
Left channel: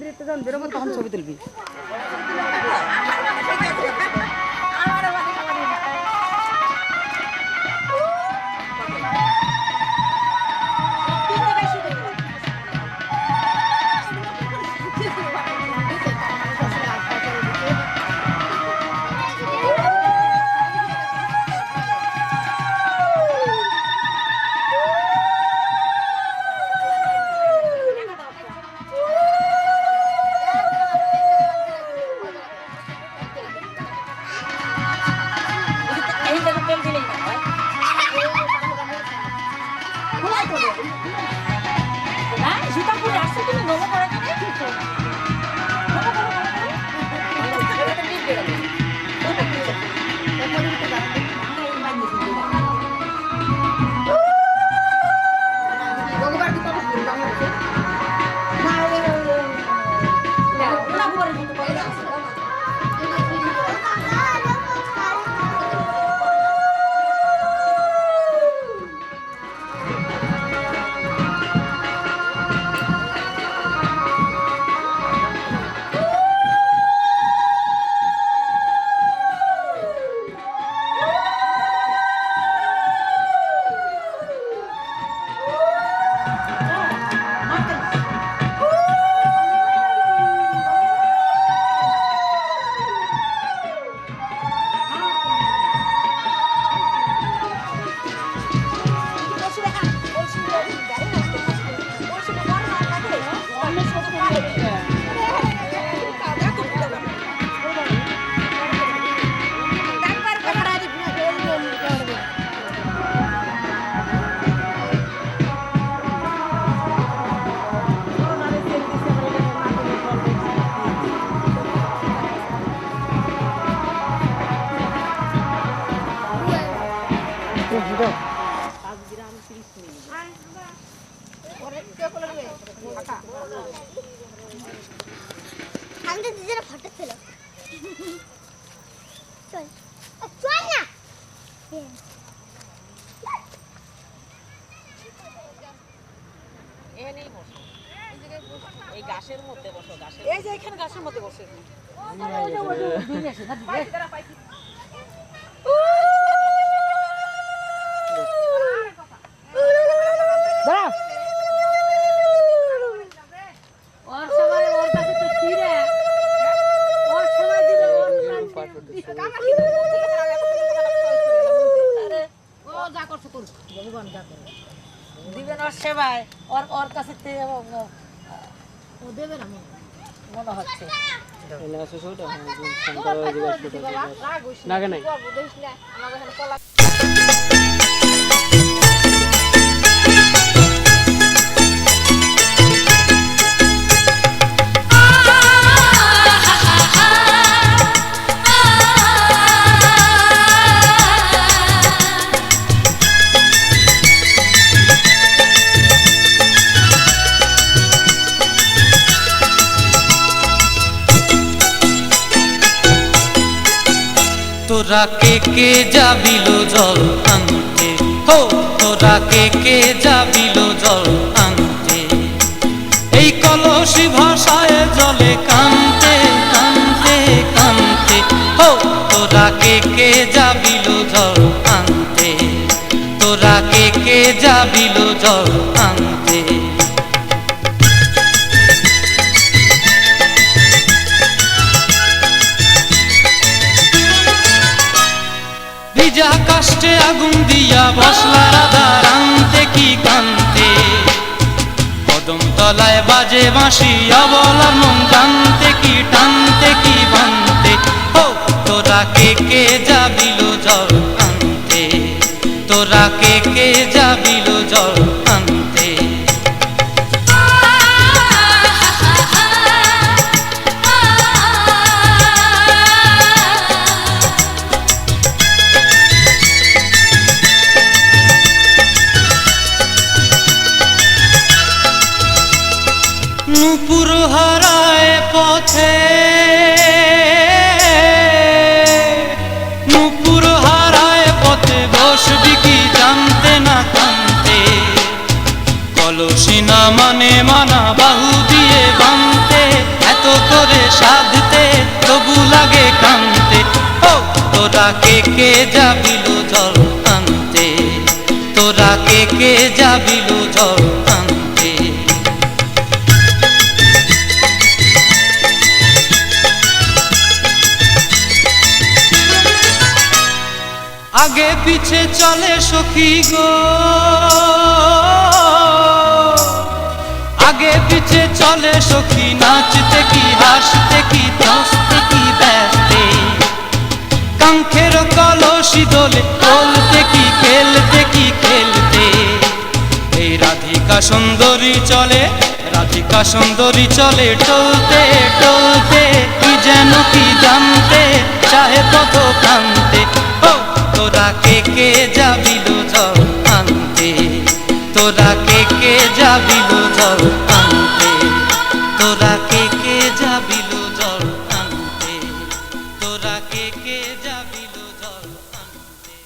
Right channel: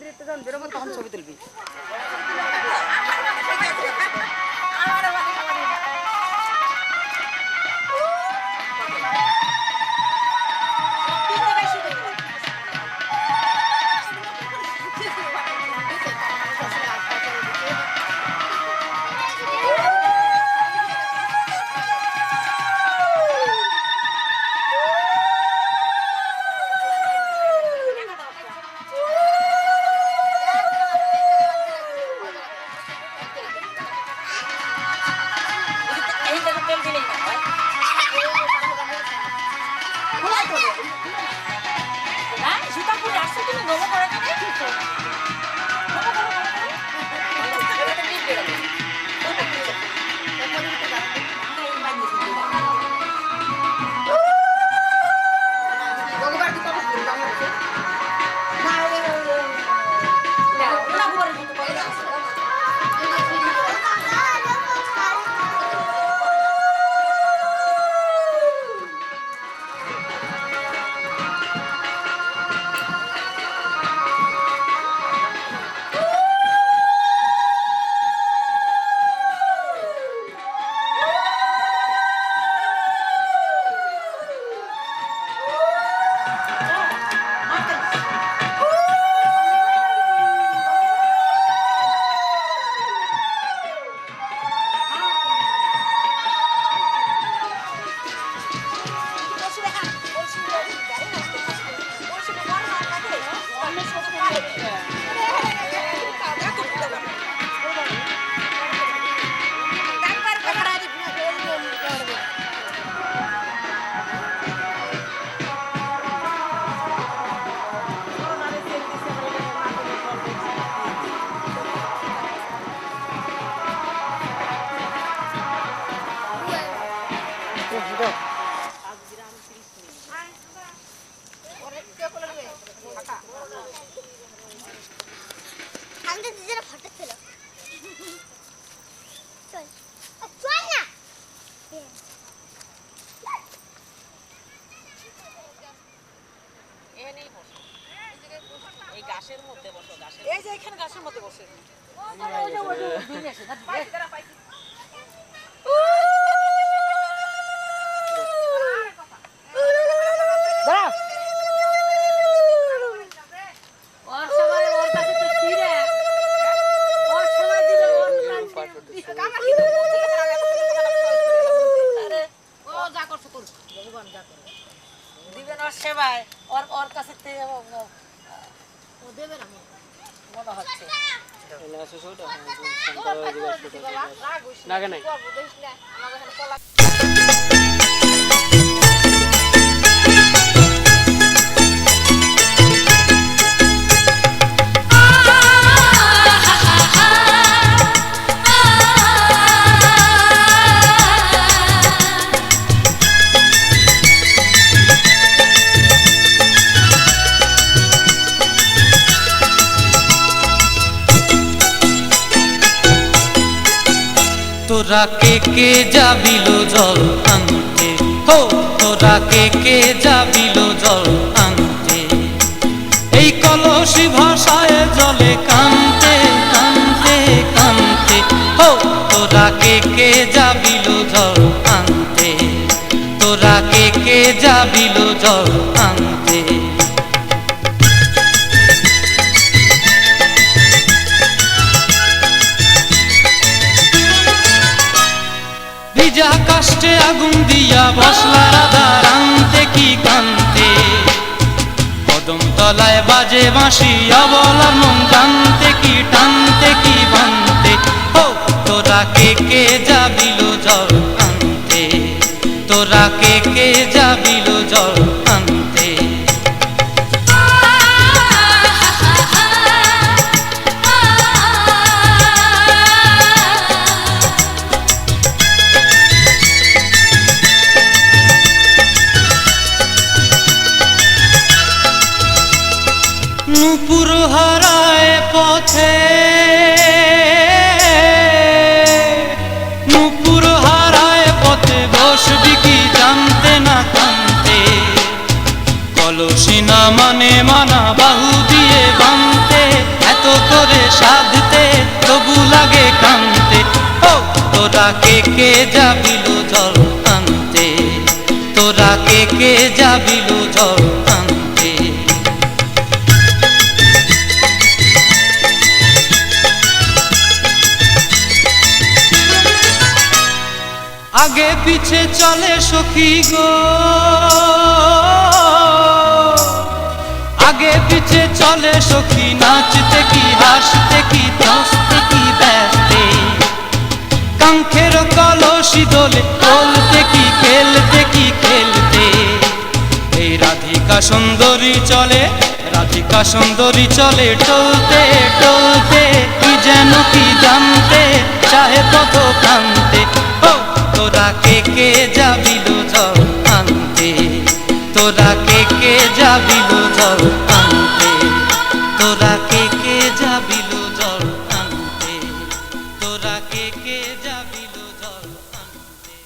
মন্দিরে তো যখন বেরোবো তখন ছবি তুলবি। দিবেন ওর সেবায় ওর কাছে মনে হচ্ছে তোরা কে যাবিল জল আনতে, হো তোরা কে যাবিল জল আনতে, এই কলসি ভাষায় জলে কানতে কানতে কানতে, হো তোরা কে যাবিল জল আনতে, তোরা কে যাবিল জল আনতে। ভিজা কাষ্টে আগুন দিয়া বসলা রাধা রানতে কি কান্তে, কদম তলায় বাজে বাঁশি অবলার মন জানতে কি টানতে কি বানতে, হো তোরা কে যাবিল জল আনতে, তোরা কে যাবিল জল আনতে। নুপুর হারায় কে যাবিল জল আনতে, তোরা কে যাবিল জল আনতে। আগে পিছে চলে সখী গো, আগে পিছে চলে সখী, নাচতে কি হাসতে কি দোস্তে কি ব্যস্তে, কাঙ্ক্ষের কলসি দোলে বলতে কি খেলতে কি খেলতে। এই রাধিকা সুন্দরী চলে, রাধিকা সুন্দরী চলে টলতে টলতে, কি যেন কি জানতে চাহে কত কান্তে। ও তোরা কে যাবিল জল আনতে, তোরা কে যাবিল জল আনতে, তোরা কে যাবিল জল আনতে, তোরা কে যাবিল জল আনতে।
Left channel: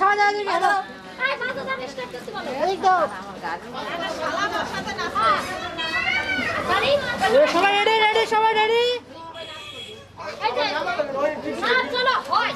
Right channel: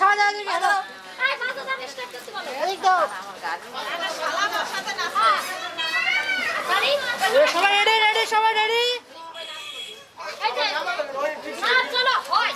সমাজ সবাই রেডি রেডি সবাই রেডি চলো হয়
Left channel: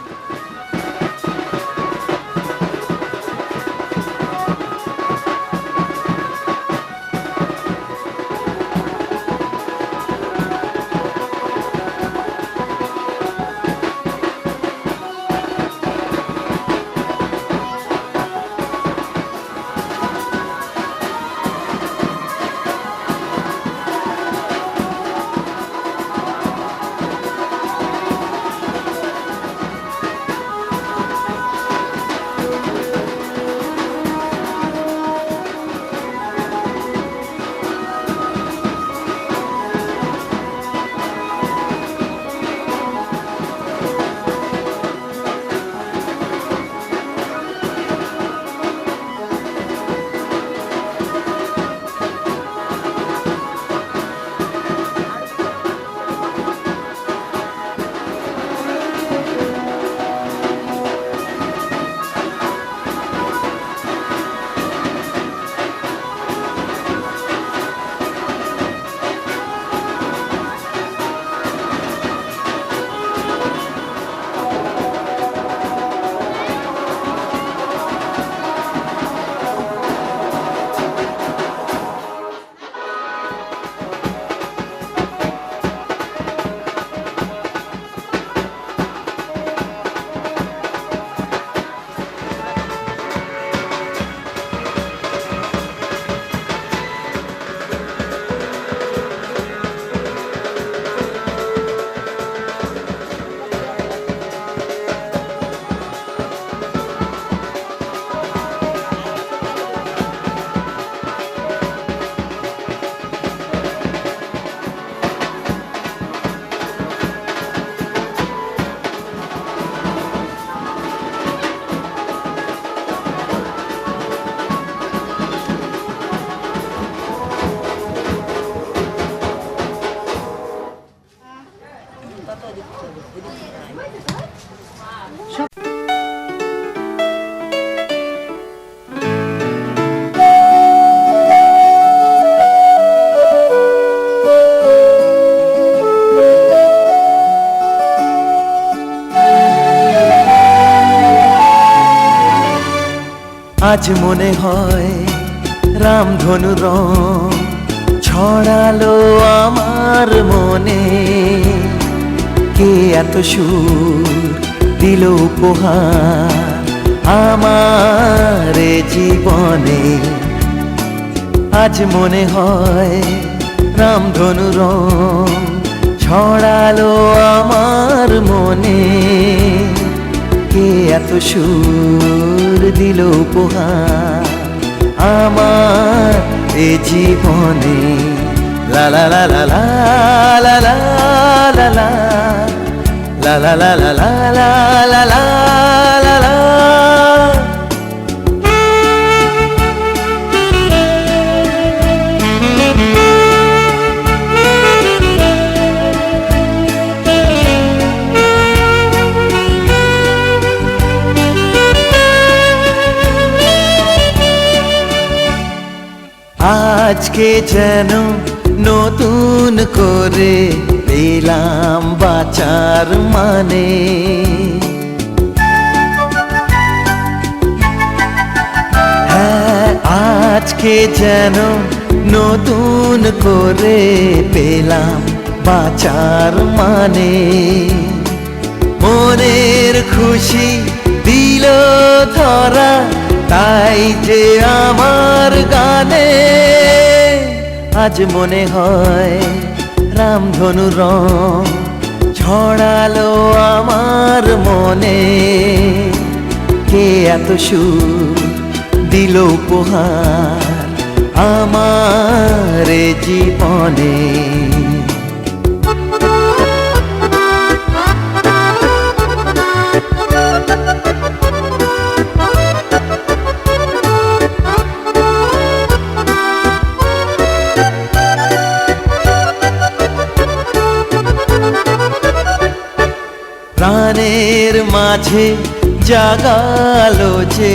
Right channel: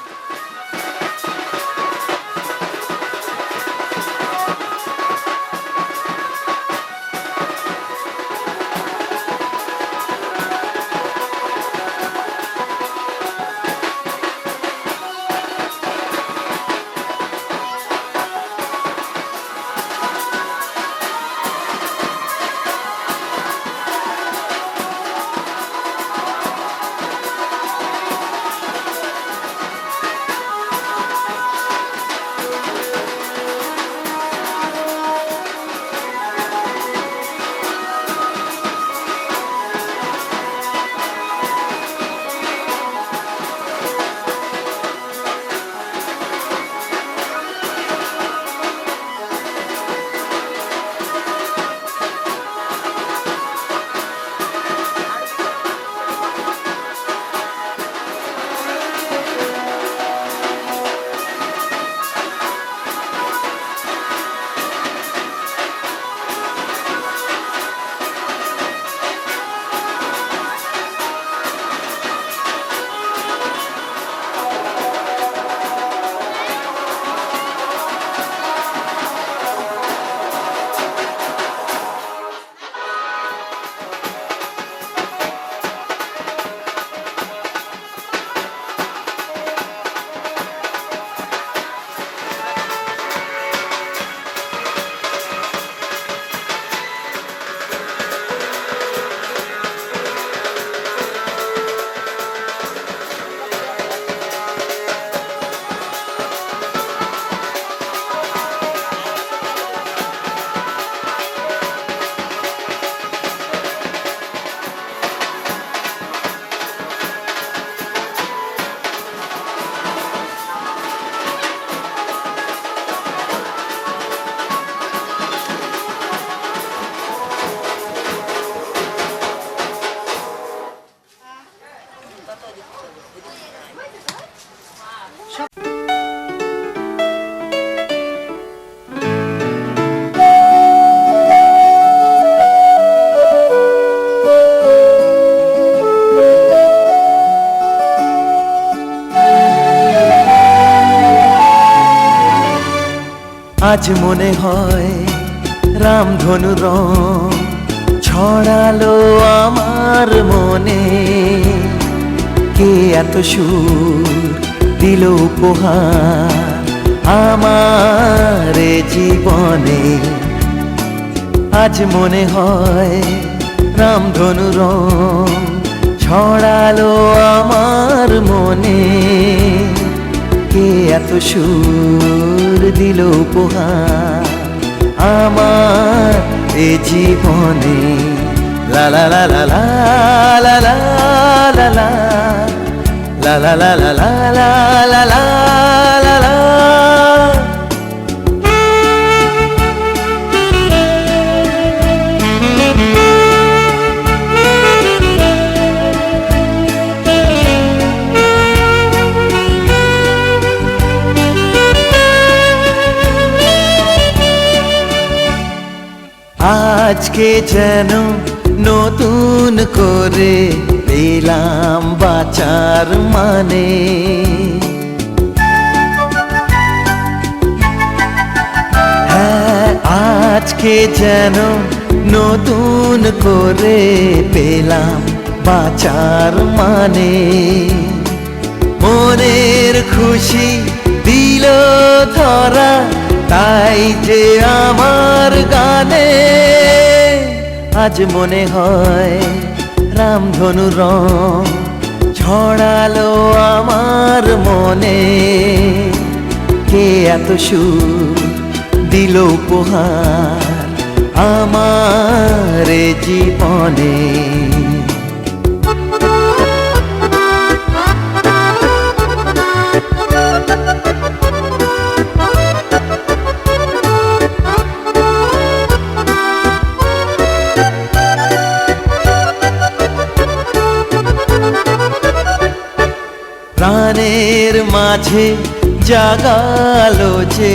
আজ মনে হয় রামধনু রং ছড়ালো আমার মনে, কে এত সুর দিল উপহার আমার জীবনে। আজ মনে হয় রামধনু রং ছড়ালো আমার মনে, কে এত সুর দিল উপহার আমার এ জীবনে। লা লা লা লা লা লা লা লা লা লা লা লা লা লা লা লা লা লা। আজকে যেন নতুন করে পেলাম বাঁচার মানে, হ্যাঁ আজকে যেন নতুন করে পেলাম বাঁচার মানে। মনের খুশি দিল ধরা তাই যে আমার গানে। আজ মনে হয় রামধনু রং ছড়ালো আমার মনে, কে এত সুর দিল উপহার আমার জীবনে। প্রাণের মাঝে জাগালো যে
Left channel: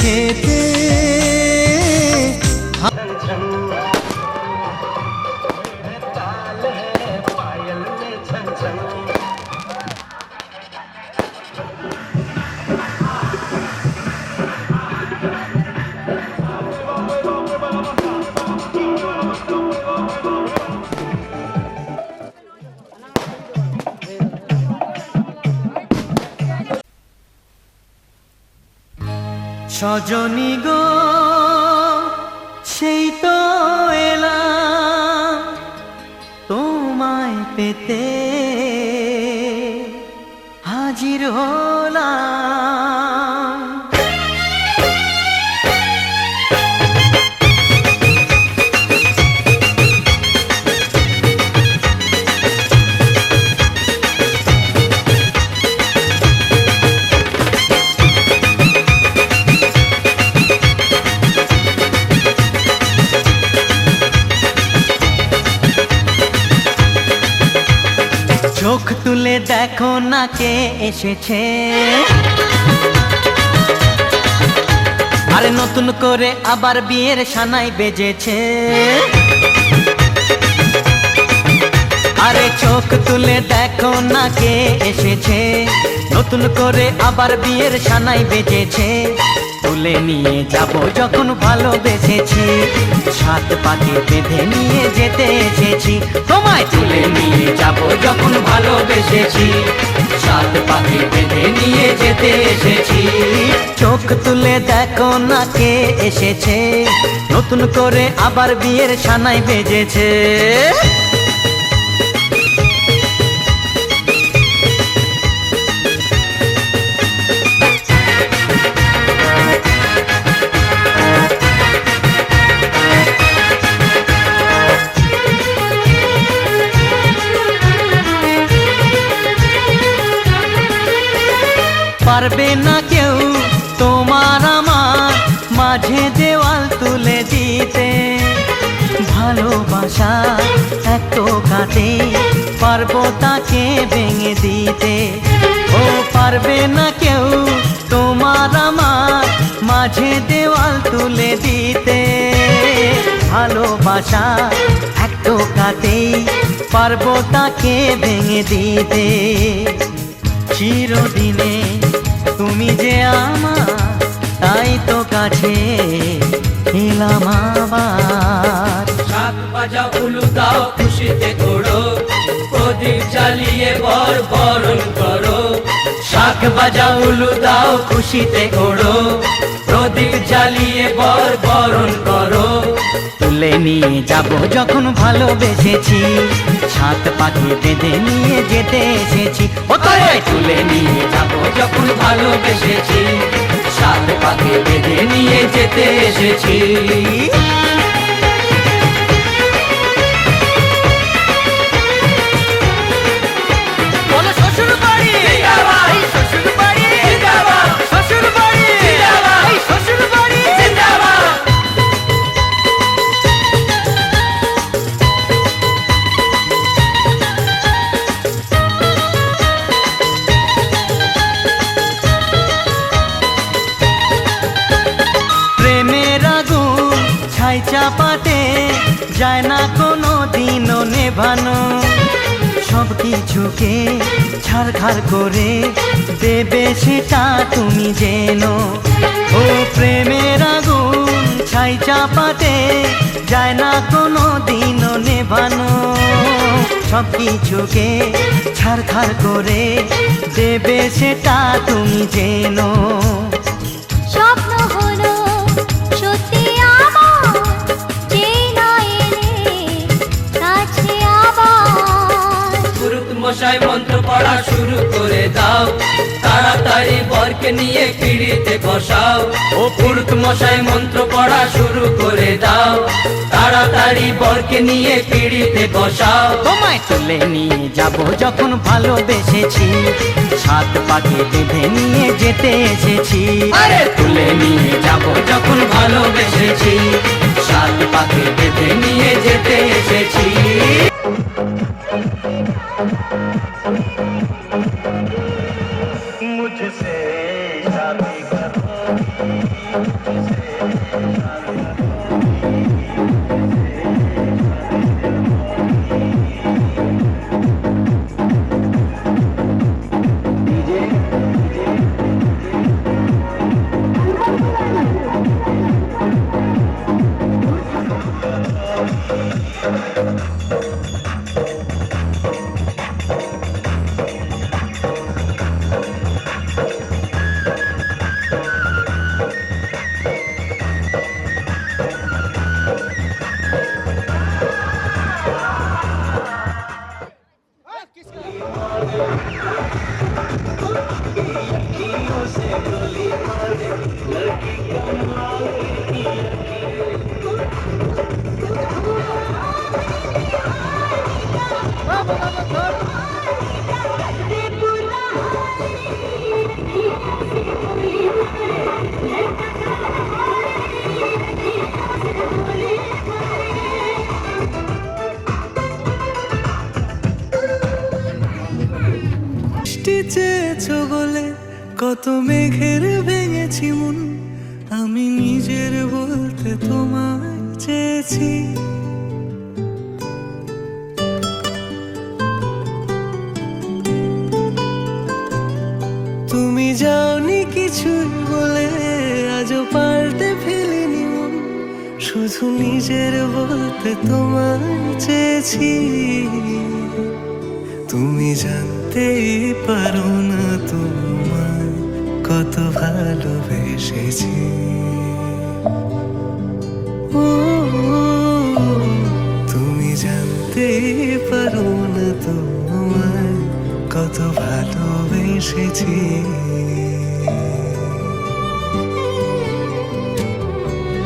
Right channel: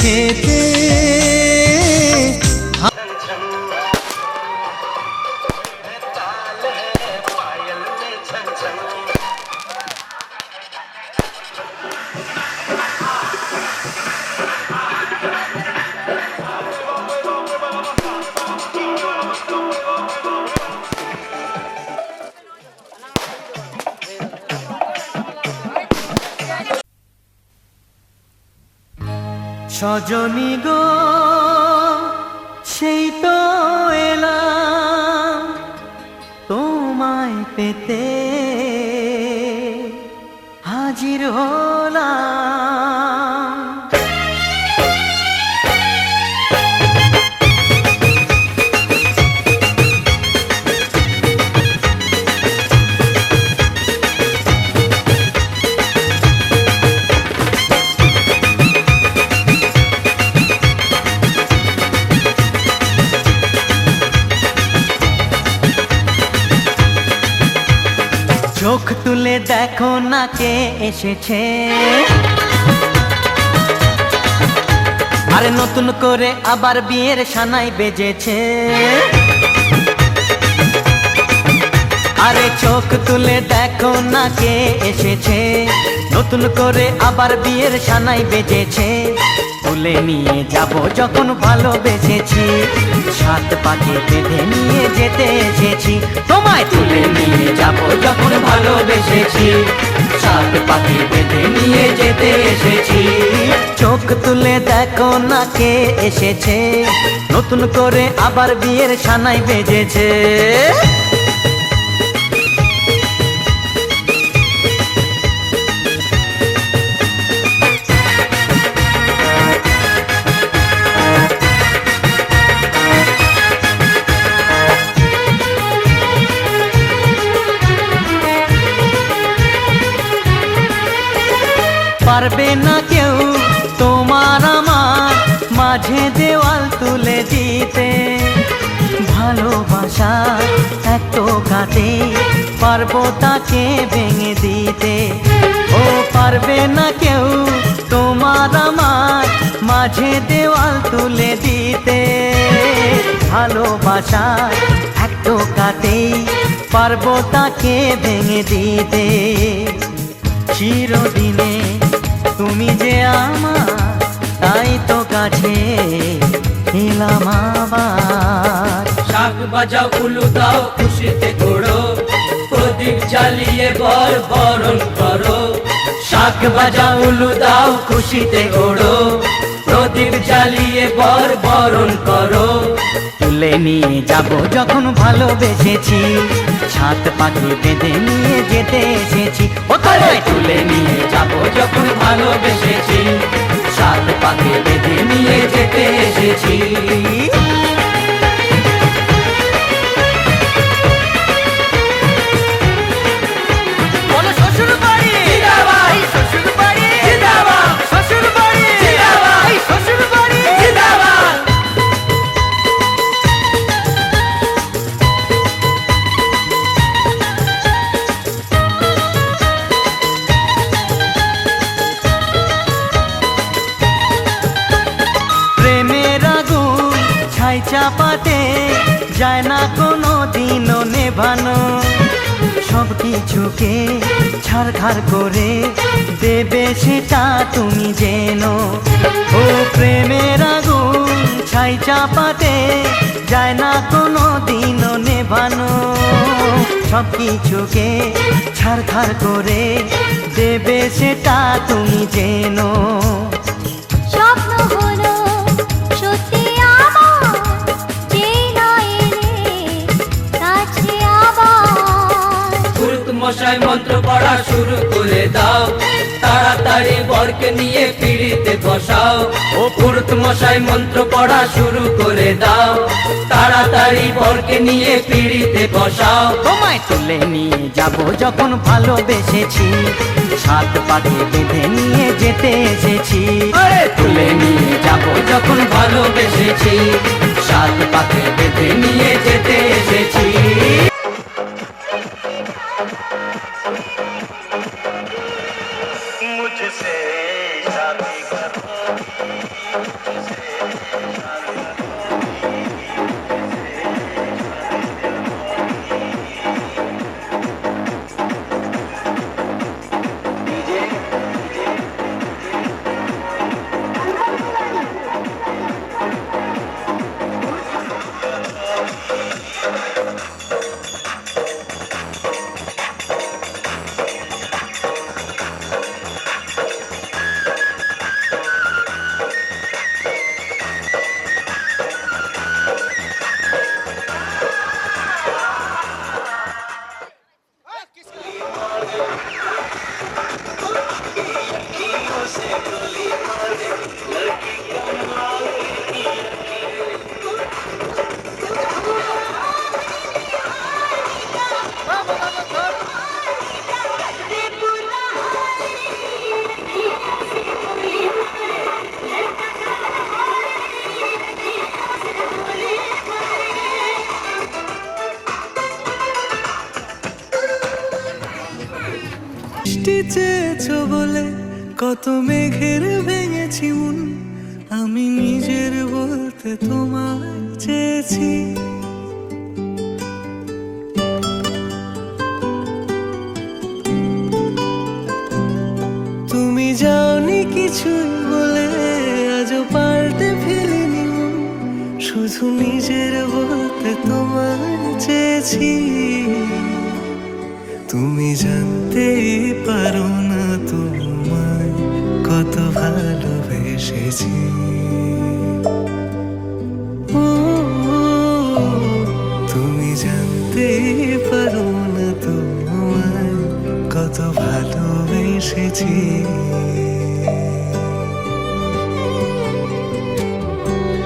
খেতে সজনী গো সেই তো এলাম তোমায় পেতে হাজির হলাম। চোখ তুলে দেখো না কে এসেছে, আরে নতুন করে আবার বিয়ের সানাই বেজেছে। আরে চোখ তুলে দেখো না কে এসেছে, নতুন করে আবার বিয়ের সানাই বেজেছে। তুলে নিয়ে যাব যখন ভালোবেসেছি, সাত পাকে বেঁধে নিয়ে যেতে এসেছি। তোমায় তুলে নিয়ে যাব যখন ভালোবেসেছি, সাত পাকে বেঁধে নিয়ে যেতে এসেছি। চোখ তুলে দেখো না কে এসেছে, নতুন করে আবার বিয়ের সানাই বেজেছে। পারবে না কেউ তোমার আমার মাঝে দেওয়াল তুলে দিতে, ভালোবাসা এত কাটে পারবো তাকে ভেঙে দিতে। ও পারবে না কেউ তোমার আমার মাঝে দেওয়াল তুলে দিতে, ভালোবাসা এত কাটে পারবো তাকে ভেঙে দিতে। চিরদিনে তুমি যে আমার, তাই তো কাছে এলাম আবার। শাক বাজাও উলু দাও খুশিতে ঘোড়ো, প্রদীপ জ্বালিয়ে বরণ করো। শাক বাজাও উলু দাও খুশিতে ঘোড়ো, প্রদীপ জ্বালিয়ে বরণ করো। তুলে নিয়ে যাব যখন ভালোবেসেছি, সাত পাকে বেঁধে নিয়ে যেতে এসেছি। ও তোমায় তুলে নিয়ে যাব যখন ভালোবেসেছি, সাত পাকে বেঁধে নিয়ে যেতে এসেছি। চাপাতে যায় না কোনো দিনও নেভানো, সব কিছুকে ছাড়খাড় করে দেবে সেটা তুমি জেনো। ও প্রেমের আগুন ছাই চাপাতে যায় না কোনো দিনও নেভানো, সব কিছুকে ছাড়খাড় করে দেবে সেটা তুমি জেনো। স্বপ্ন হলো সত্যি মশাই মন্ত্র পড়া শুরু করে দাও, তাড়াতাড়ি বরকে নিয়ে পিড়িতে বসাও। ও পুরুত মশাই মন্ত্র পড়া শুরু করে দাও, তাড়াতাড়ি বরকে নিয়ে পিড়িতে বসাও। তোমায় তুলে নিয়ে যাব যখন ভালোবেসেছি, সাত পাকে বেঁধে নিয়ে যেতে এসেছি। আরে তুলে নিয়ে যাব যখন ভালোবেসেছি, সাত পাকে বেঁধে নিয়ে যেতে এসেছি। मुझसे शादी करो বৃষ্টি চেয়েছো বলে কত মেঘের ভেঙেছি মন, আমি নিজের বলতে তোমায় চেয়েছি। তুমি যাওনি কিছুই বলে আজও পাল্টে ফেলিনি মন, শুধু নিজের বলতে তোমায় চেয়েছি। তুমি জানতেই পারো না তোমায় কত ভালোবেসেছি। ও তুমি জানতেই পারো না তোমায় কত ভালোবেসেছি।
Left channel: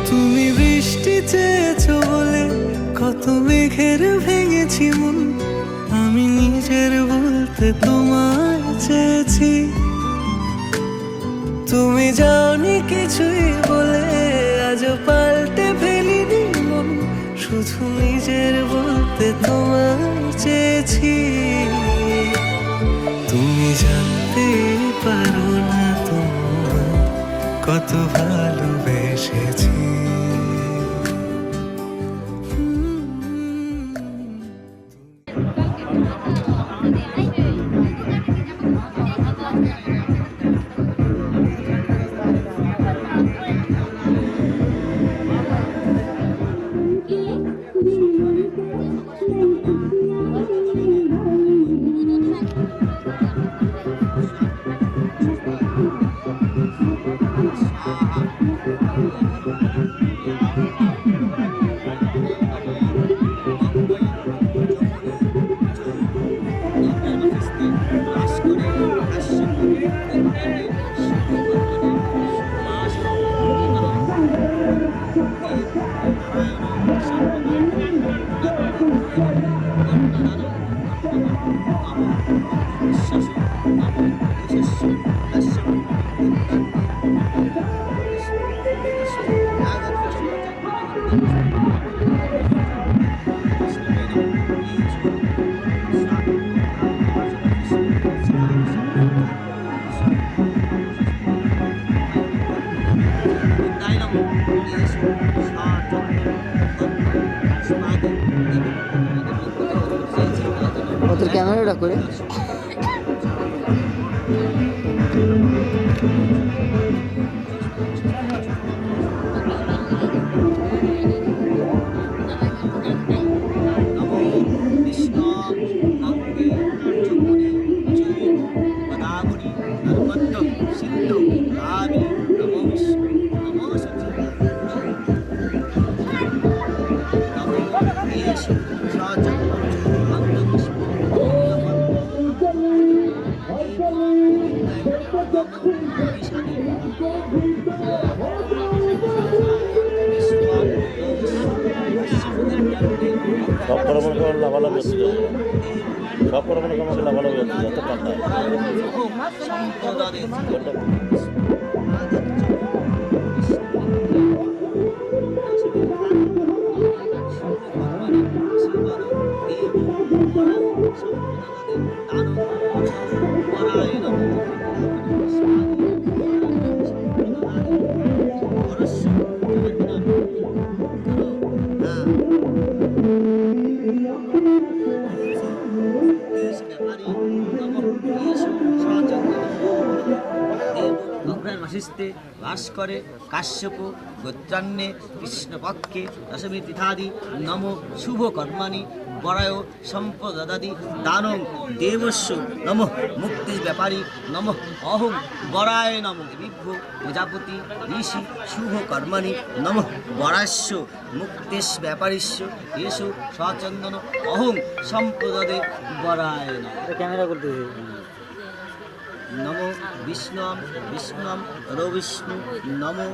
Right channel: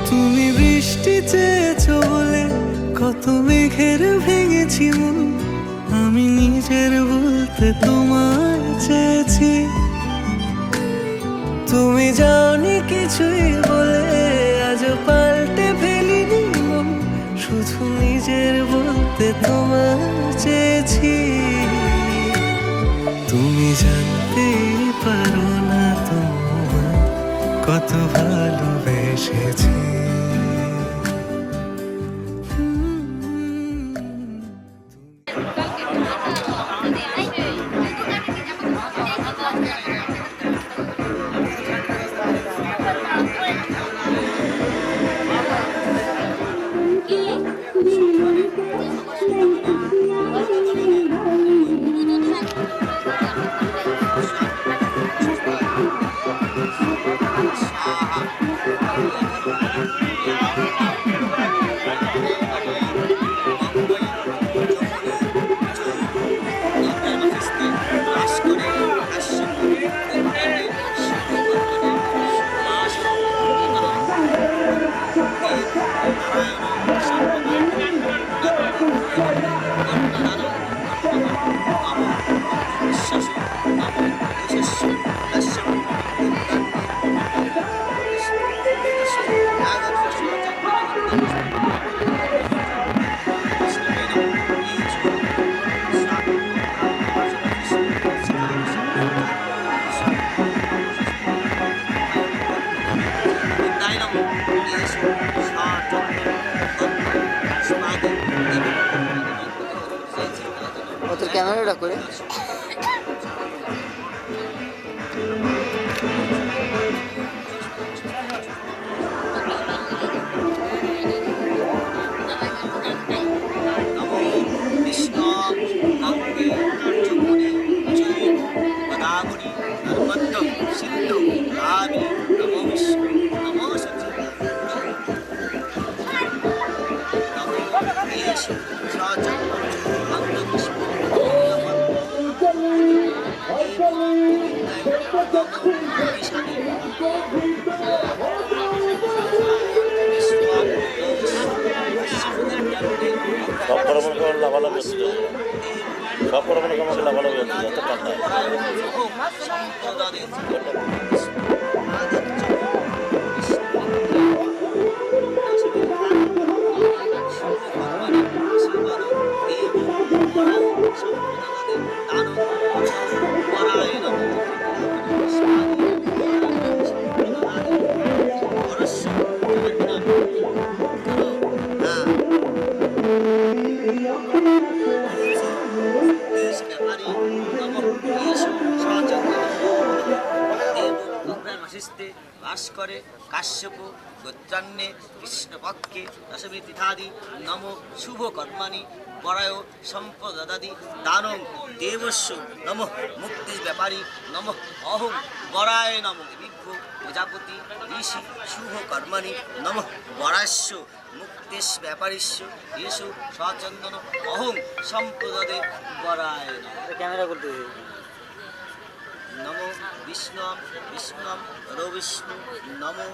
তুমি বৃষ্টি চেয়েছো বলে কত মেঘের ভেঙেছি মন, আমি নিজের বলতে তোমায় চেয়েছি। তুমি যাওনি কিছুই বলে আজও পাল্টে ফেলিনি মন, শুধু নিজের বলতে তোমায় চেয়েছি। তুমি জানতেই পারো না তোমায় কত ভালোবেসেছি। ওদের ক্যামেরাটা করে সব পরমাণু লাভালাভ হচ্ছিল, সব পরমাণু আমাকে লাভালাভ হচ্ছিল, এত ঠান্ডা। মাসিস্তে বাস করে কাশ্যপ গোত্রান্নে কৃষ্ণপক্ষে দশমী তিথাদি নম শুভ কর্মাণি বরায় সম্পদাদি দানং দেবস্য নম মুক্তি ব্যাপারী নম অহং বরায় নম বিভ্য প্রজাপতি ঋষি শুভ কর্মাণি নম বরাস্য মুক্তিশ ব্যাপারিস্য এসু সচন্দন অহং সম্পদে বরায় নম ক্যামেরা করতে নমো বিষ্ণুম বিষ্ণুম রবিষ্ণু নমো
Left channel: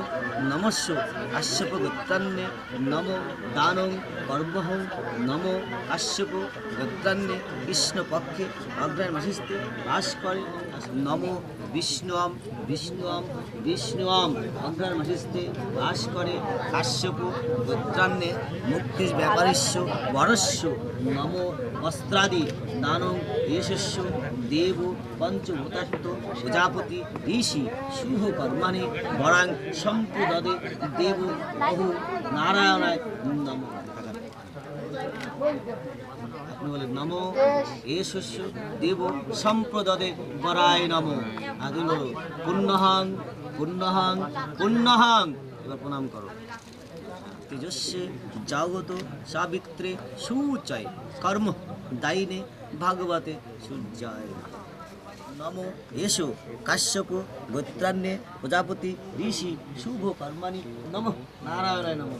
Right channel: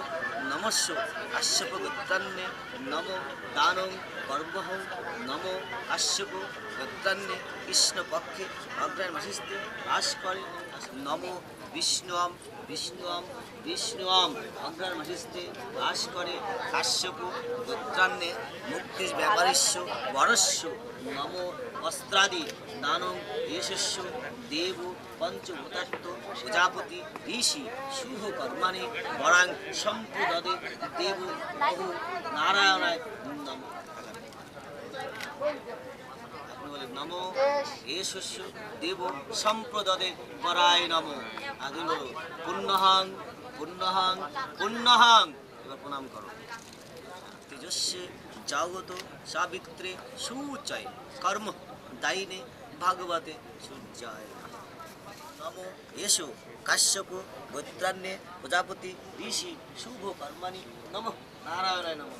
নমস্য কাশ্যপ গোত্রান্নে নমো দানং কর্মহং নমো কাশ্যপ গোত্রান্নে কৃষ্ণপক্ষে অগ্রায় মাসিস্তে বাস করে নমো বিষ্ণুম বিষ্ণুম বিষ্ণুম অগ্রায় মাসিস্তে বাস করে কাশ্যপ গোত্রান্নে মুক্তির ব্যাপারিস্য বরস্য নমো বস্ত্রাদি দানং যশস্য দেব পঞ্চভূতাত্ম প্রজাপতি ঋষি শুভ কর্মাণি বরাং সম্পদে দেব বহু নারায়ণায় নম। আপনি বলেন নমো এ শস্য দেব সম্প্রদে বরায় নম। আগে বলো পুণ্যহাং পুণ্যহাং পুণ্যহাং। এবার প্রণাম করো। তেজস্বে জাগত সাবিত্রে সুচায় কর্ম দায়িনে ভাগবতে সূর্যায় নমো এসো কাশ্যপ গোত্রান্নে প্রজাপতি ঋষি শুভ কর্মাণি নম নারায়ণায় নম।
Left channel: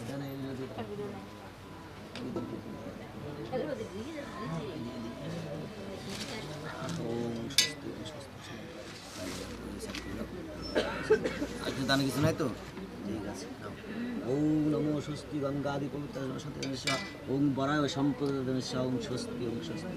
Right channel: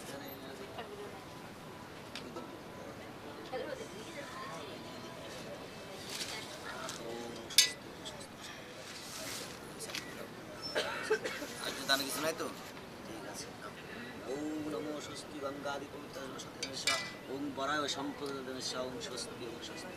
কিছু নাই তো ঠিক আছে। ওম নমো স্বস্তি গঙ্গাদি পবিত্র ওম বরায় সম্পদ ওম স্বস্তি ওম স্বস্তি।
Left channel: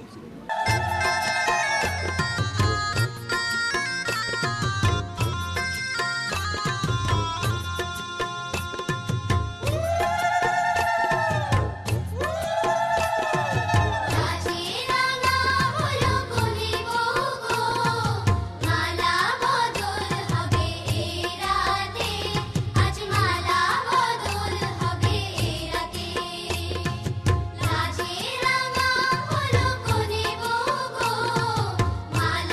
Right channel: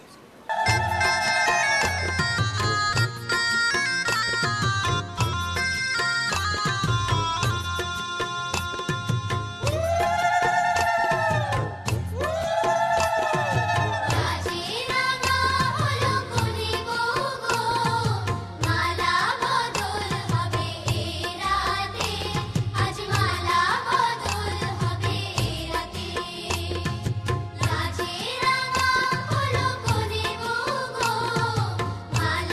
মালা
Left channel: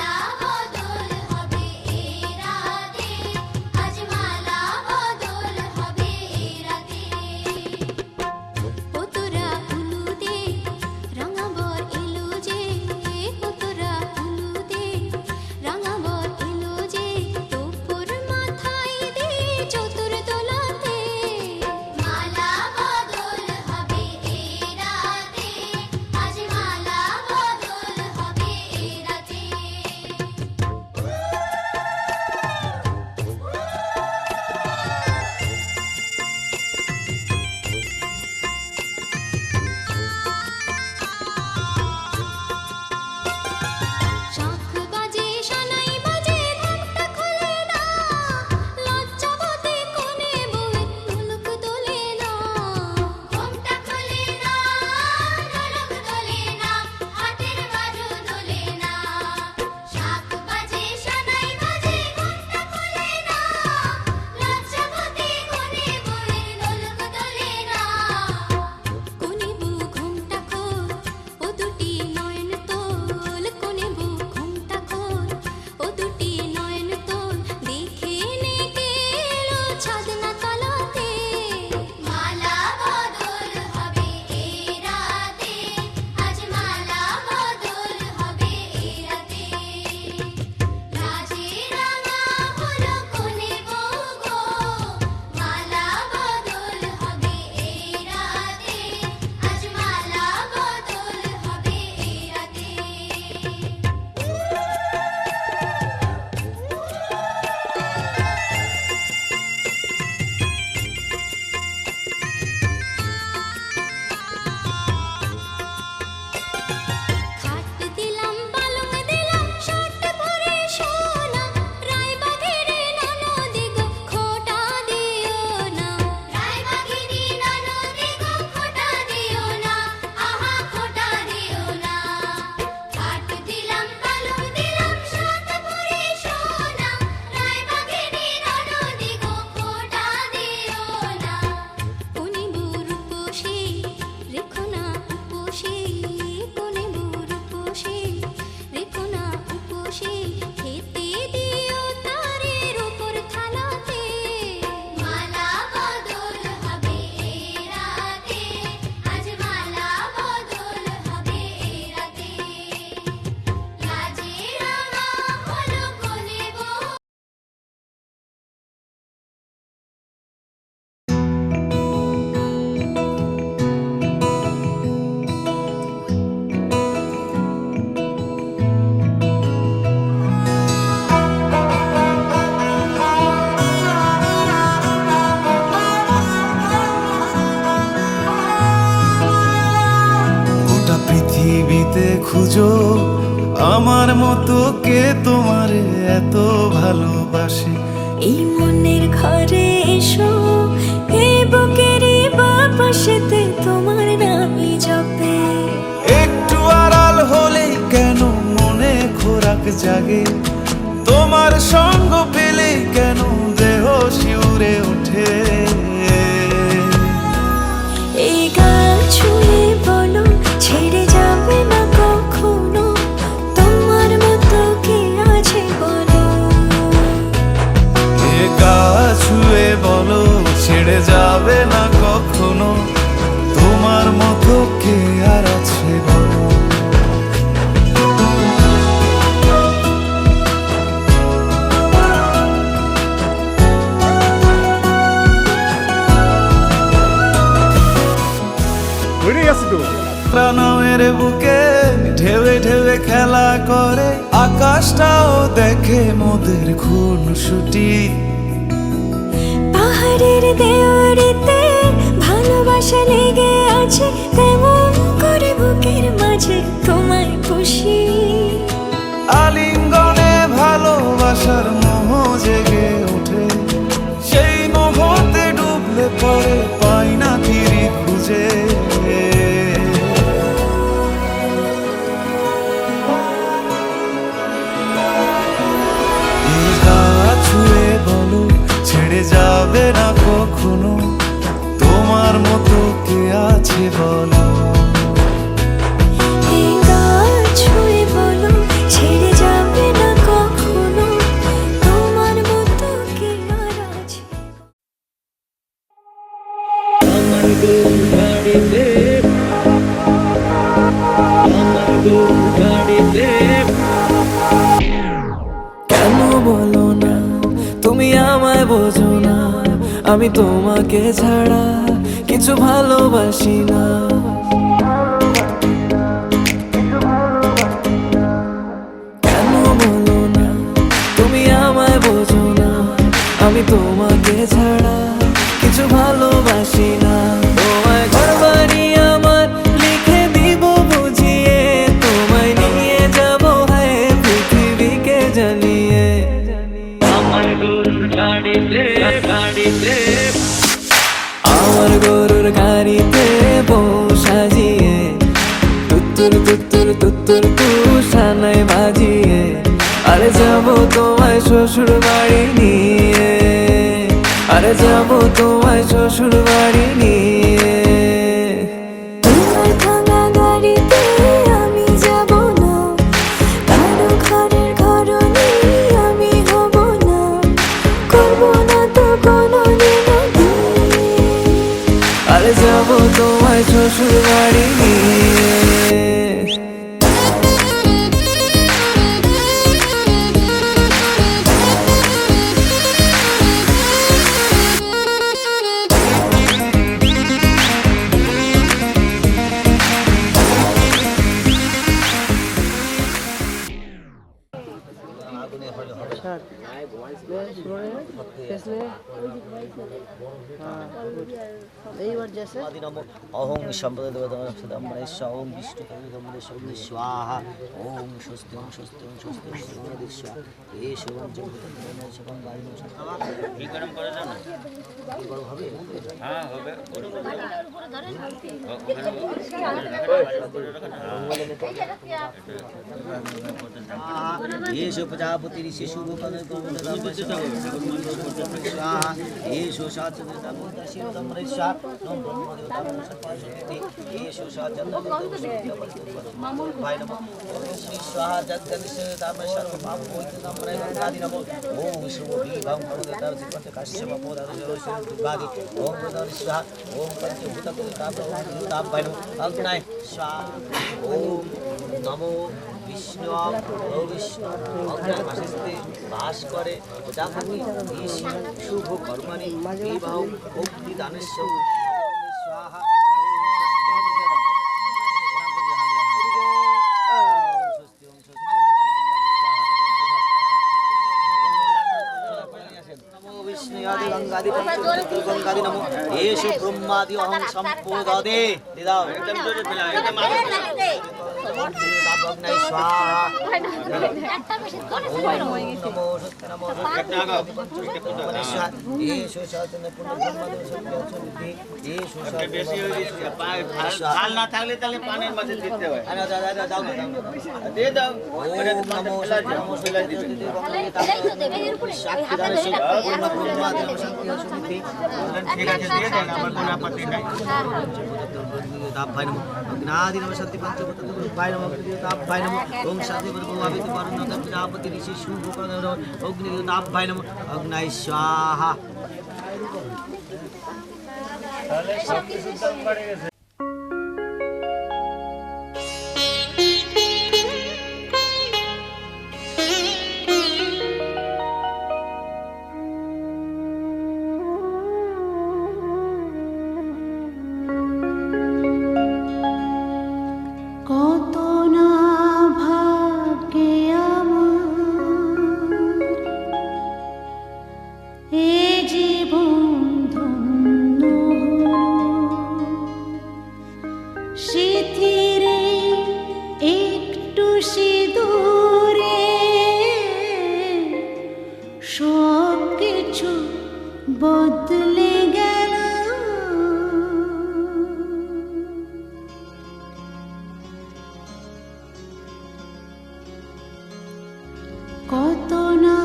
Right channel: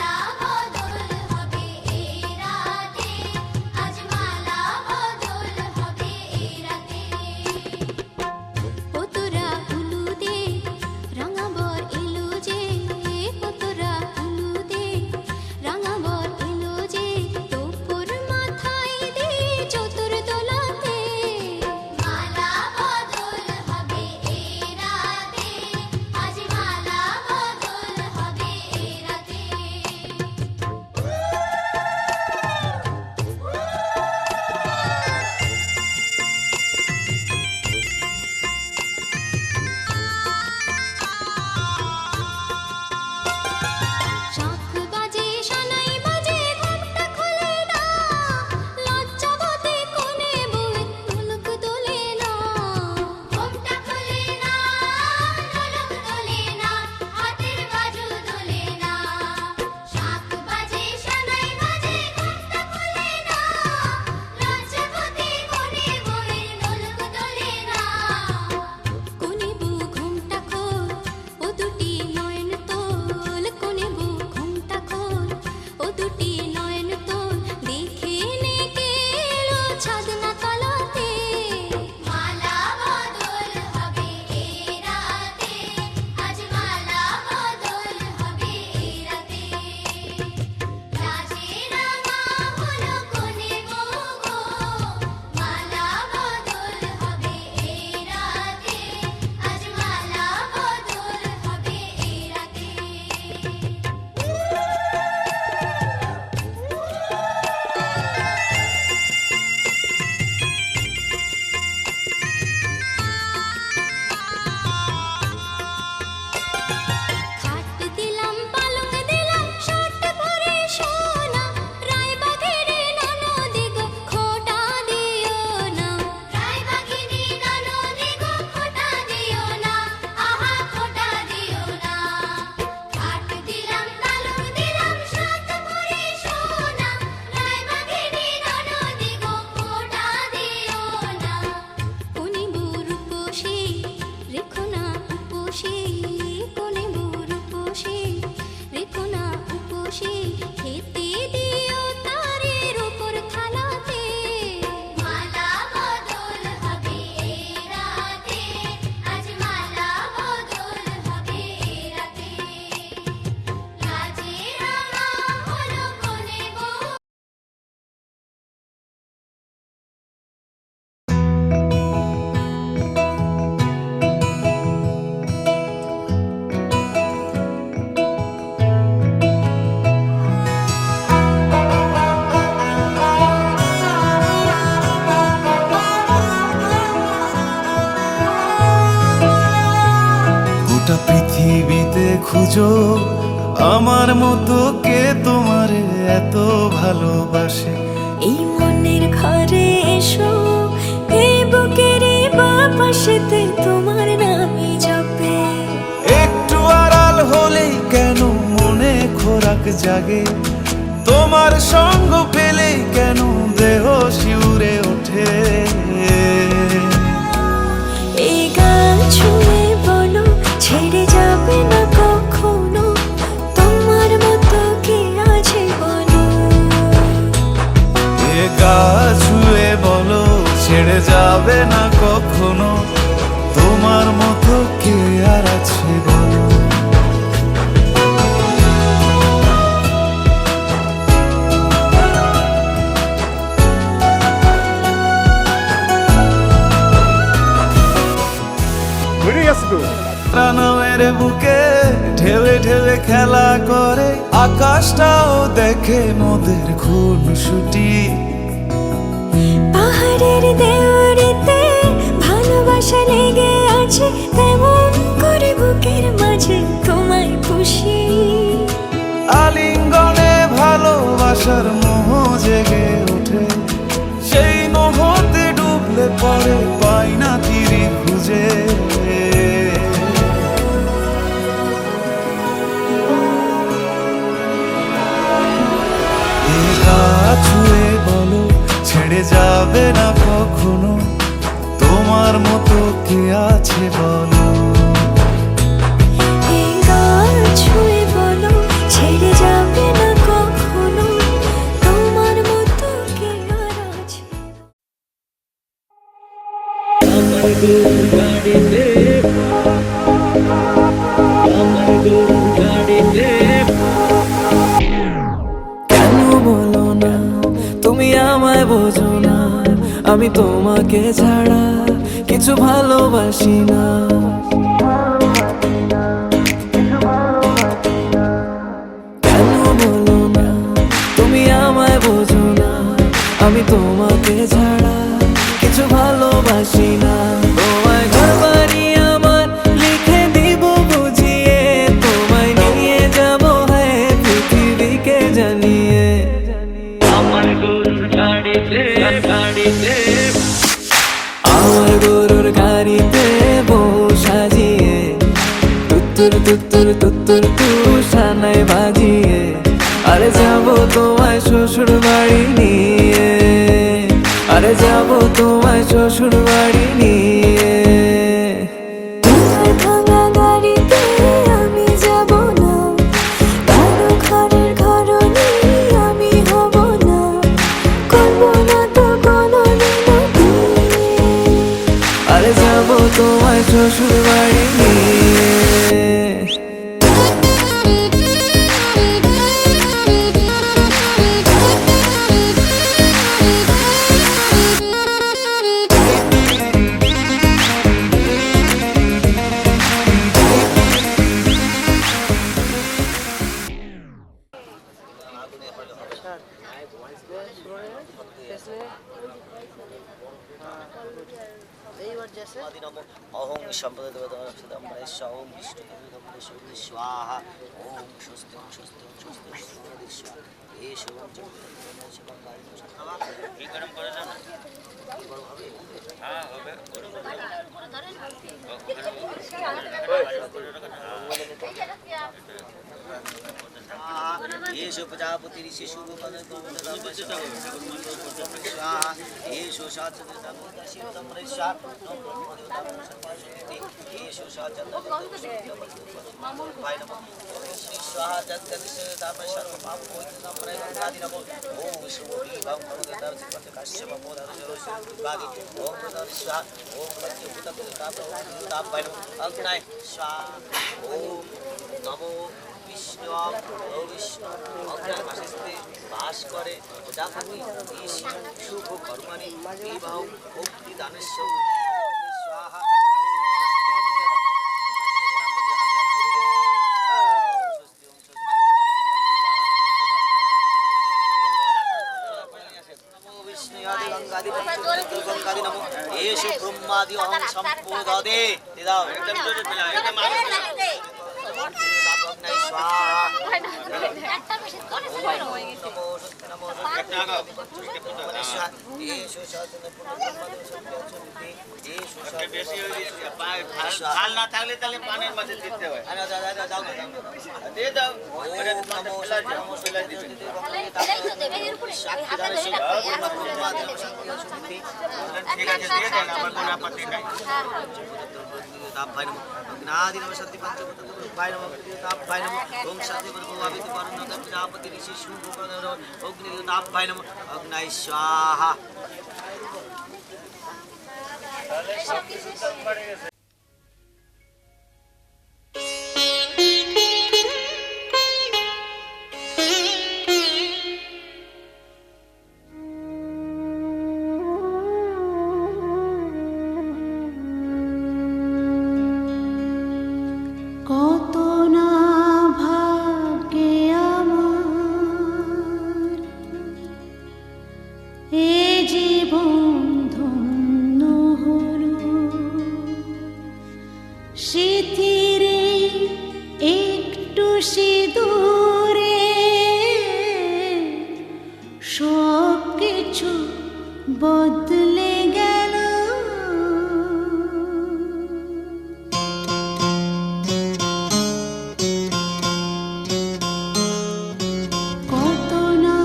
গোটা পৃথিবীতে খুঁজো আমার মতো কে তোমারে এত ভালোবাসে। এই মনের ঘরে এসো, এই বুকের বাপাশেতে তোমার নামই জপে। একটু আড়াল হলেই কেন মনে খোরাক জাগে, তোমার সঙ্গ পেলেই কেন দেহ শিউরে ওঠে। এই গান ছুঁয়ে বলো ছেড়ে যাবে না কখনো, তোমার মতো কে আছে বলো। এ গা ছুঁয়ে বলো ছেড়ে যাবে না কখনো, তোমার মতো কে আর আছে বলো। প্রাণের বুকে ঢেউে ঢেউে খেলা করে, আকাশটাও দেখে মোদের খুনসুটি। পাহাড়ের দেওয়ারিতে ভালোবাসা লেগে আছে, তেমন করে বুকের মাঝে তোমায় পুষি। আলিঙ্গনে ভালোবাসার মোহ জেগে ওঠে, সেই মোহতে ডুবলে পড়ে পাই না তীরে খুঁজে। এ গা ছুঁয়ে বলো ছেড়ে যাবে না কখনো, তোমার মতো কে আছে বলো। এই গান ছুঁয়ে বলো ছেড়ে যাবে না কখনো, তোমার মতো কে আর আছে। আমার গরুর গাড়িতে, আমার গরুর গাড়িতে। কেন বলো না তুমি আমায় বোঝো না, আমি তোমাকে ছাড়া কিছু ভালোবাসি না। কেন বলো না তুমি আমায় বোঝো না, আমি তোমাকে ছাড়া কিছু ভালোবাসি না। তোমায় ঘর বাড়ি আমার লিখে দিব বুঝিয়ে, তোমায় নিয়ে যাব হ্যাঁ পৃথিবীকে জানিয়ে। আমার গরুর গাড়িতে, গাড়িতে। আমার গরুর গাড়িতে বউ সাজিয়ে, তুত্তুর তুত্তুর তুত্তুর তু সানাই বাজিয়ে, আরে যাবো তোমায় শ্বশুর বাড়ি নিয়ে, আরে যাবো তোমায় শ্বশুর বাড়ি নিয়ে। তোমার ভাঙা গাড়িতে আমি যাব না, কারো ঘরের ঘরনি আমি হব না, করব না তো কোনোদিনও বিয়ে। আরে যাবো তোমায় শ্বশুর বাড়ি নিয়ে। অহং সম্পদেশ্বর ওম বিষ্ণু স্বাহা ওম স্বস্তি ওম স্বস্তি ওম স্বস্তি এই শুভম শুভম গাড়ি গরম করে না হবে। হ্যাঁ হবে। येषु प्रजापति ऋषिषु येषु नमो विष्णु विष्णु अग्रहस्ते बास करे प्रजापति शुभ कर्मणि विवाह भक्ति दानस्य स्वाहा। गंगादि गंगादि नमो येषु ब्रह्मादि अहं संपूर्णदे दिदाओ एकदम जोरे पिला एकदम অগ্নায় স্বাহা ওম নমো স্বস্তি নমো এসো সাধনা পুনর্জন্মদেব সত্যি এসো ঝাল না থাকলে তাহলে পানের মাঝে দিতে হয়। দাও দিয়ে দাও। ওম নমো স্বস্তি নমো স্বস্তি ঠিক আছে দিয়ে দেন, আমার কোনো আপত্তি নাই। तापाय नमः अग्नादि नमः शांति पंचभूत तापाय नमः तापाय नमः ओम शांति प्रभुवामिति वरुण प्रजापति ऋषि शुभ अग्नि तापाय नमः अग्नाय स्वाहा কত না ভাগ্যে আমার এ জীবন ধন্য হলো সিথিরে একটু সিঁদুরে সব কিছু বদলে গেল কত না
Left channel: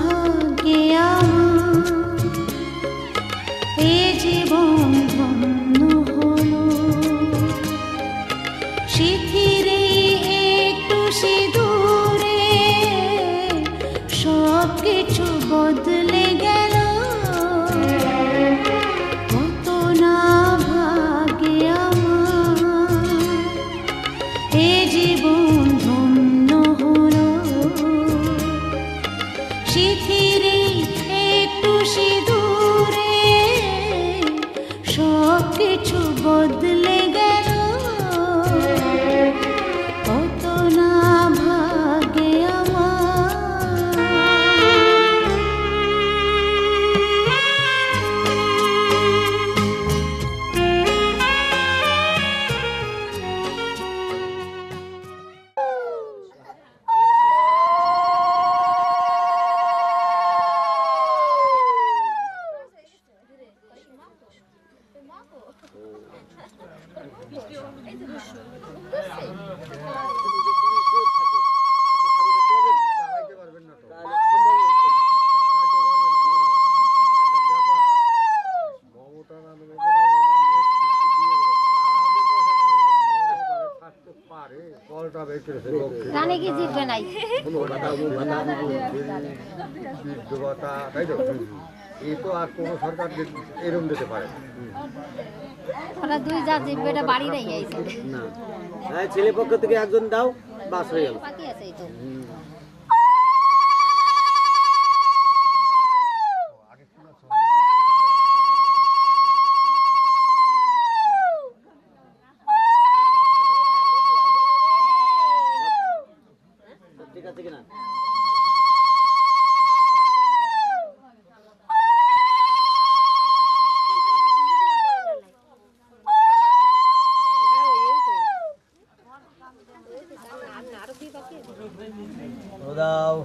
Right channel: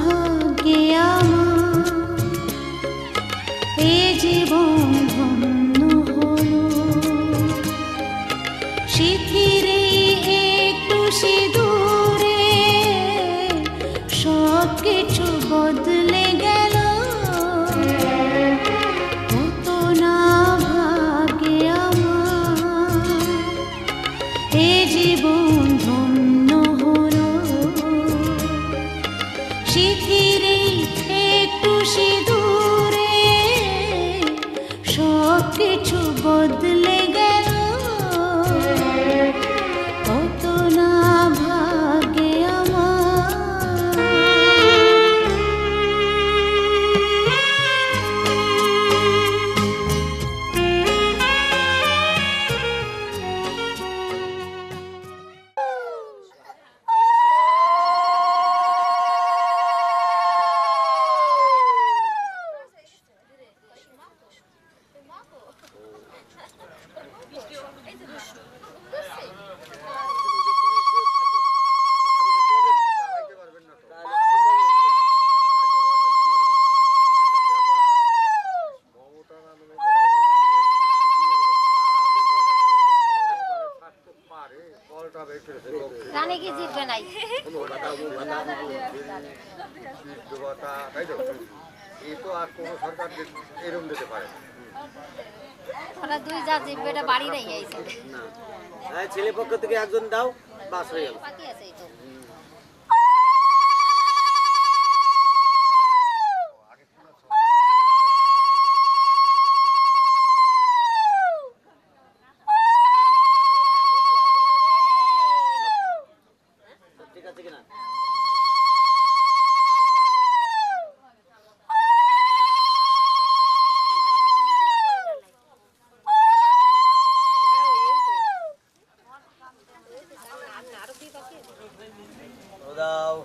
ভাগ্যে আমার এ জীবন ধন্য হলো সিথিরে একটু সিঁদুরে সব কিছু বদলে গেল কত না ভাগ্যে আমার এ জীবন ধন্য হলো সিথিরে একটু সিঁদুরে সব কিছু বদলে গেল কত না ভাগ্যে আমার রানী কি জিতবে নাই তাই তো এই তো আর কোনো সরকার এরম দিতে পারে ওরা দুই যা জিতবে এটা বাড়ি নেই আইছে না ছেলে পক্ষ থেকে একজন দাও বাস হয়ে গেল বাকি আছে এই তো ঠিক আছে কিনা দাও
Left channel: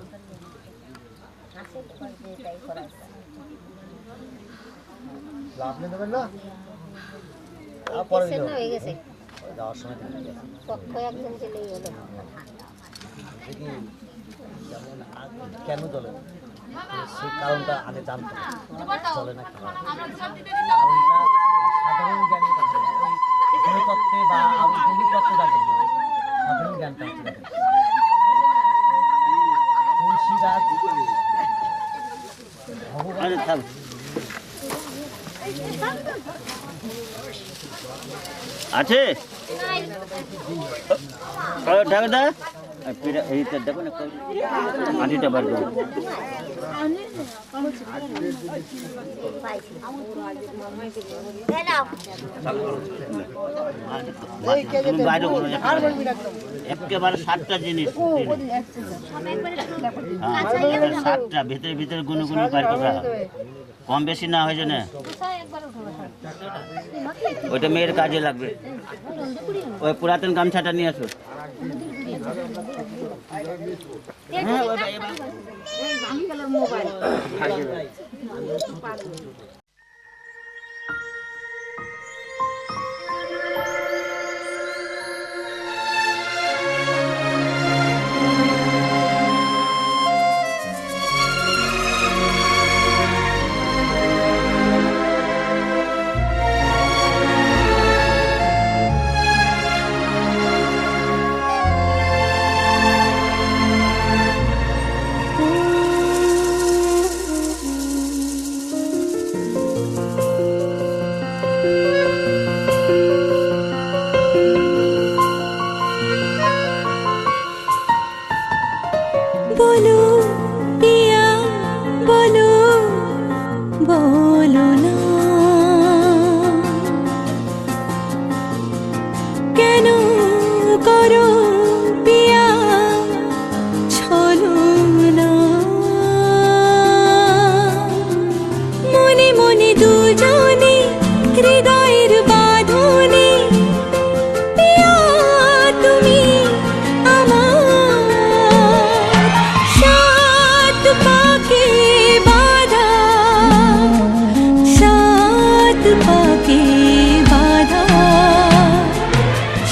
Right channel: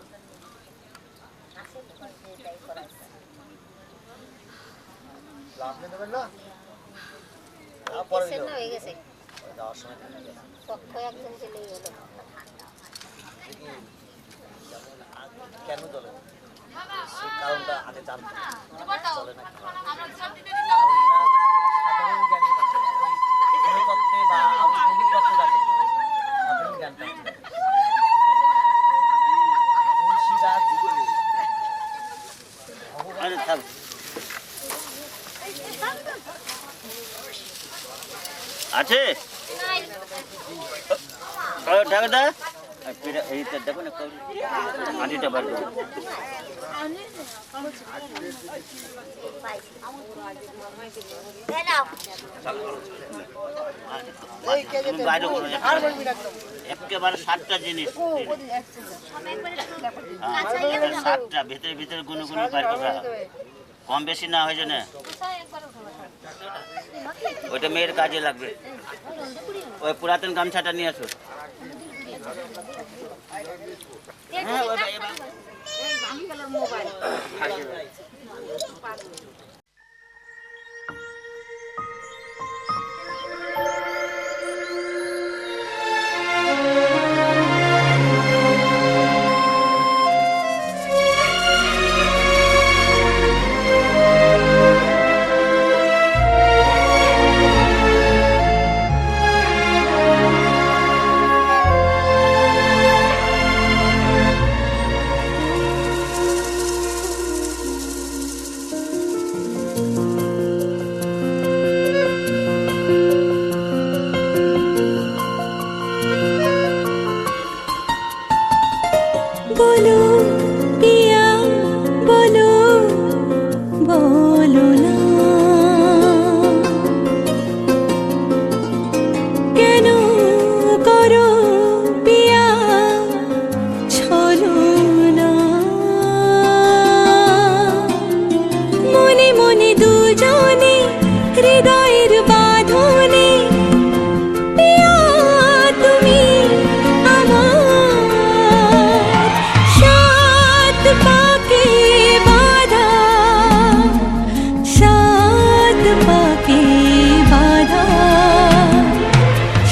আপনি দেবেন না হয়ে গেছে যাওয়ার সময় পক্ষ একদম চলেই হলো কেন চলে সেই কারণটা আগে জানতে চলে না কারণটা সাধারণ জ্ঞানের কাছে তত্ত্বে বা তত্ত্বে থাকে সাধারণ জ্ঞানটা তুলসী গাছ ভগবান আছে ঢাকা এইটা দেখো না আটিটা বার করো একেবারে 7টা জিনিস 7টা ভিতরে ভিতরে গুনে গুনে বার করা কম বেশি না হয়ে যায় না ওইটা মেয়ের কাজে লাগবে। ওই পুরাতন গামছাটা নিয়ে আসো। হ্যাঁ, বলো পিয়া বলো বলো না কেন করো পিয়া ছলো না মনে মনে দুজনে হৃদয়ের বাঁধনে পিয়া তুমি আমার সাত পাকে বাঁধা সাত পাকে বাঁধা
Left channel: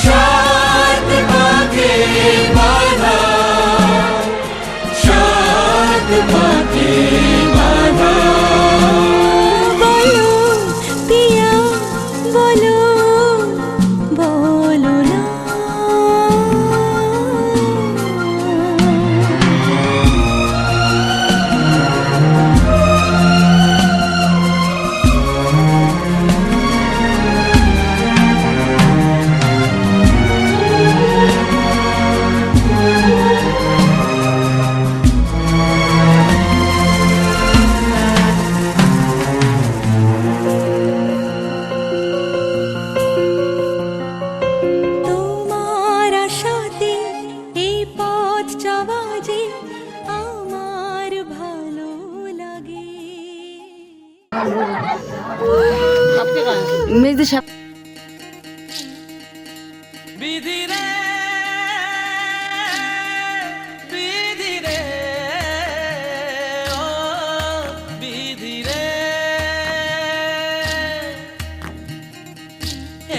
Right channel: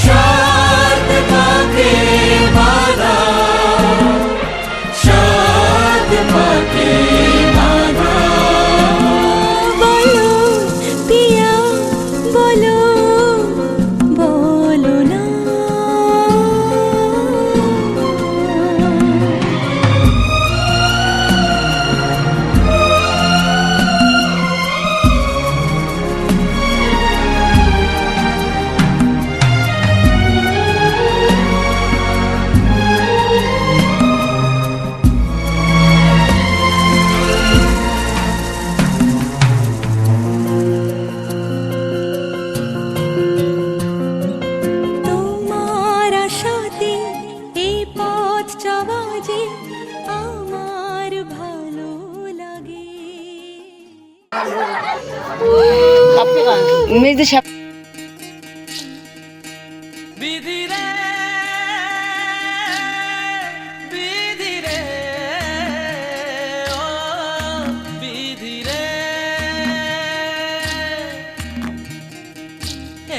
সাত পাকে বাঁধা সাত পাকে বাঁধা বলো পিয়া বলো বলো না তোমার আশাতে এই পথ চলা যে আমার ভালো লাগে বিধি রে বিধি রে ও বিধি রে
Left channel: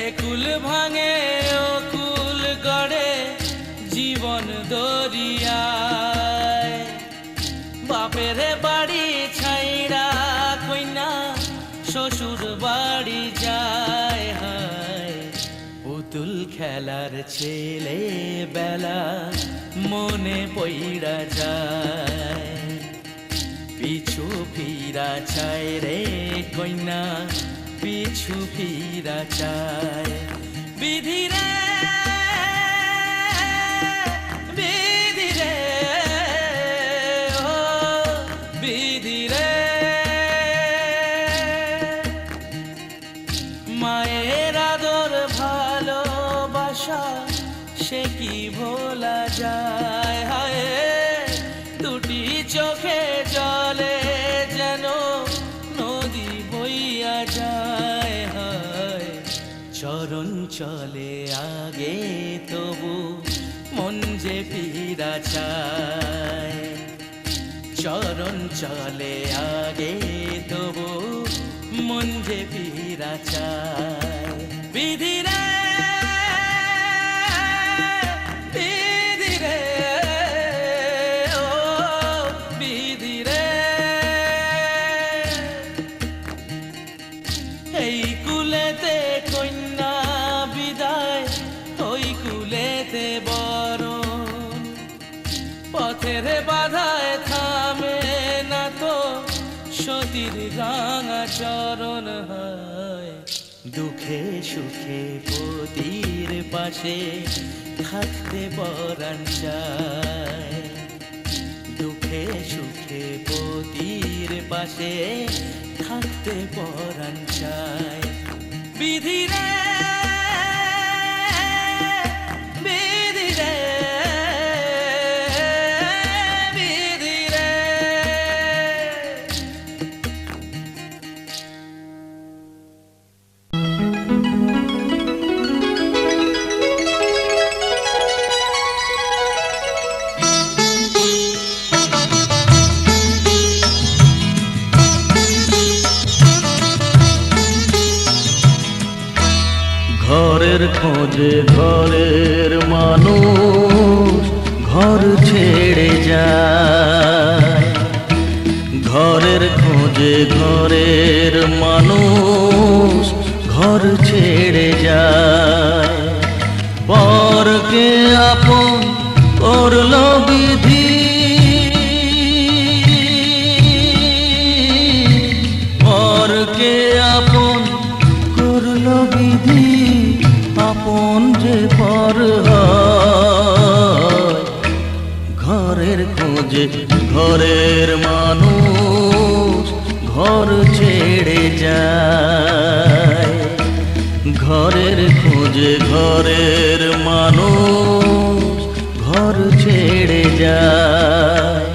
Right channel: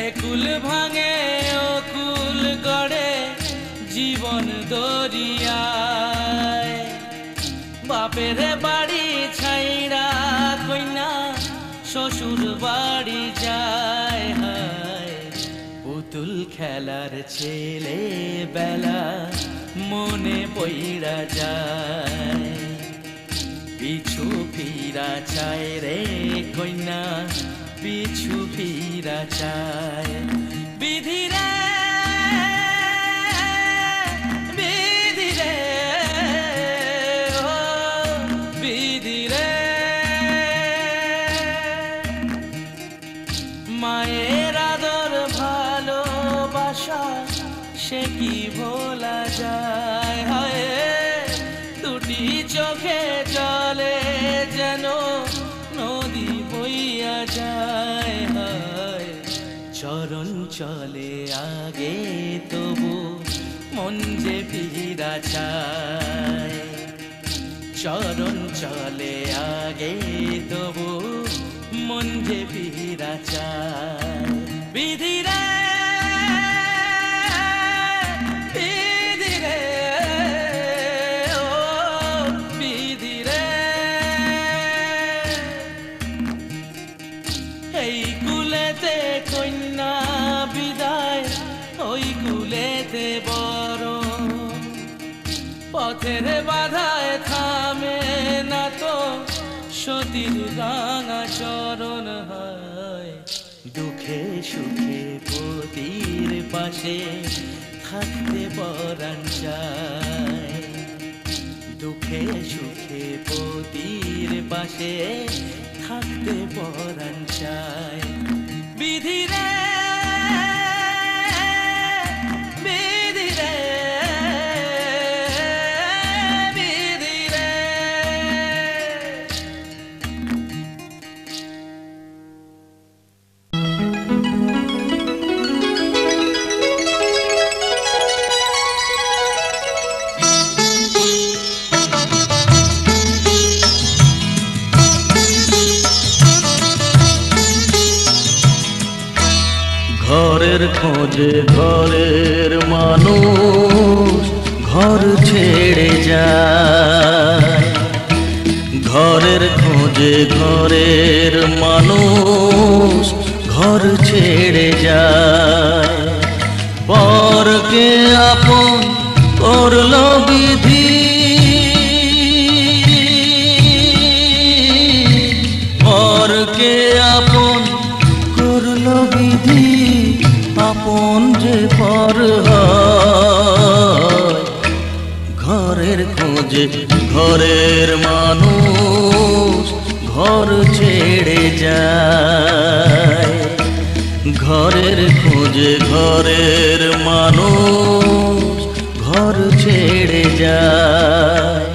একুল ভাঙে ও কুল গড়ে জীবন দরিয়ায় বাপের বাড়ি ছাইরা কইনা শ্বশুর বাড়ি যায় হায় পুতুল খেলার ছেলে বেলা মনে পইড়া যায় পিছু ফিরা চায় রে কইনা পিছু ফিরা চায় বিধি রে বিধি রে ও বিধি রে মায়ের আদর ভালোবাসা সে কি ভোলা যায় হায় দুটি চোখে জলে যেন নদী বইয়া যায় হায় চরণ চলে আগে তবু মন যে ফিরা চায় চরণ চলে আগে তবু মন যে ফিরা চায় বিধি রে বিধি রে ও বিধি রে এই কুলেতে কন্যা বিদায় ওই কুলেতে বরণ পথের বাধায় থামে না তো সতীর রাঙা চরণ হয় দুঃখে সুখে পতির পাশে থাকতে পরাণ চায় দুঃখে সুখে পতির পাশে থাকতে পরাণ চায় বিধি রে বিধি রে বিধি রে খোঁজে ঘরের মানুষ ঘর ছেড়ে যায়, ঘরের খোঁজে ঘরের মানুষ ঘর ছেড়ে যায়। পরকে আপন করলো বিধি, পরকে আপন করলো বিধি, আপন যে পর হয়। ঘরের খোঁজে ঘরের মানুষ ঘর ছেড়ে যায়, ঘরের খোঁজে ঘরের মানুষ ঘর ছেড়ে যায়।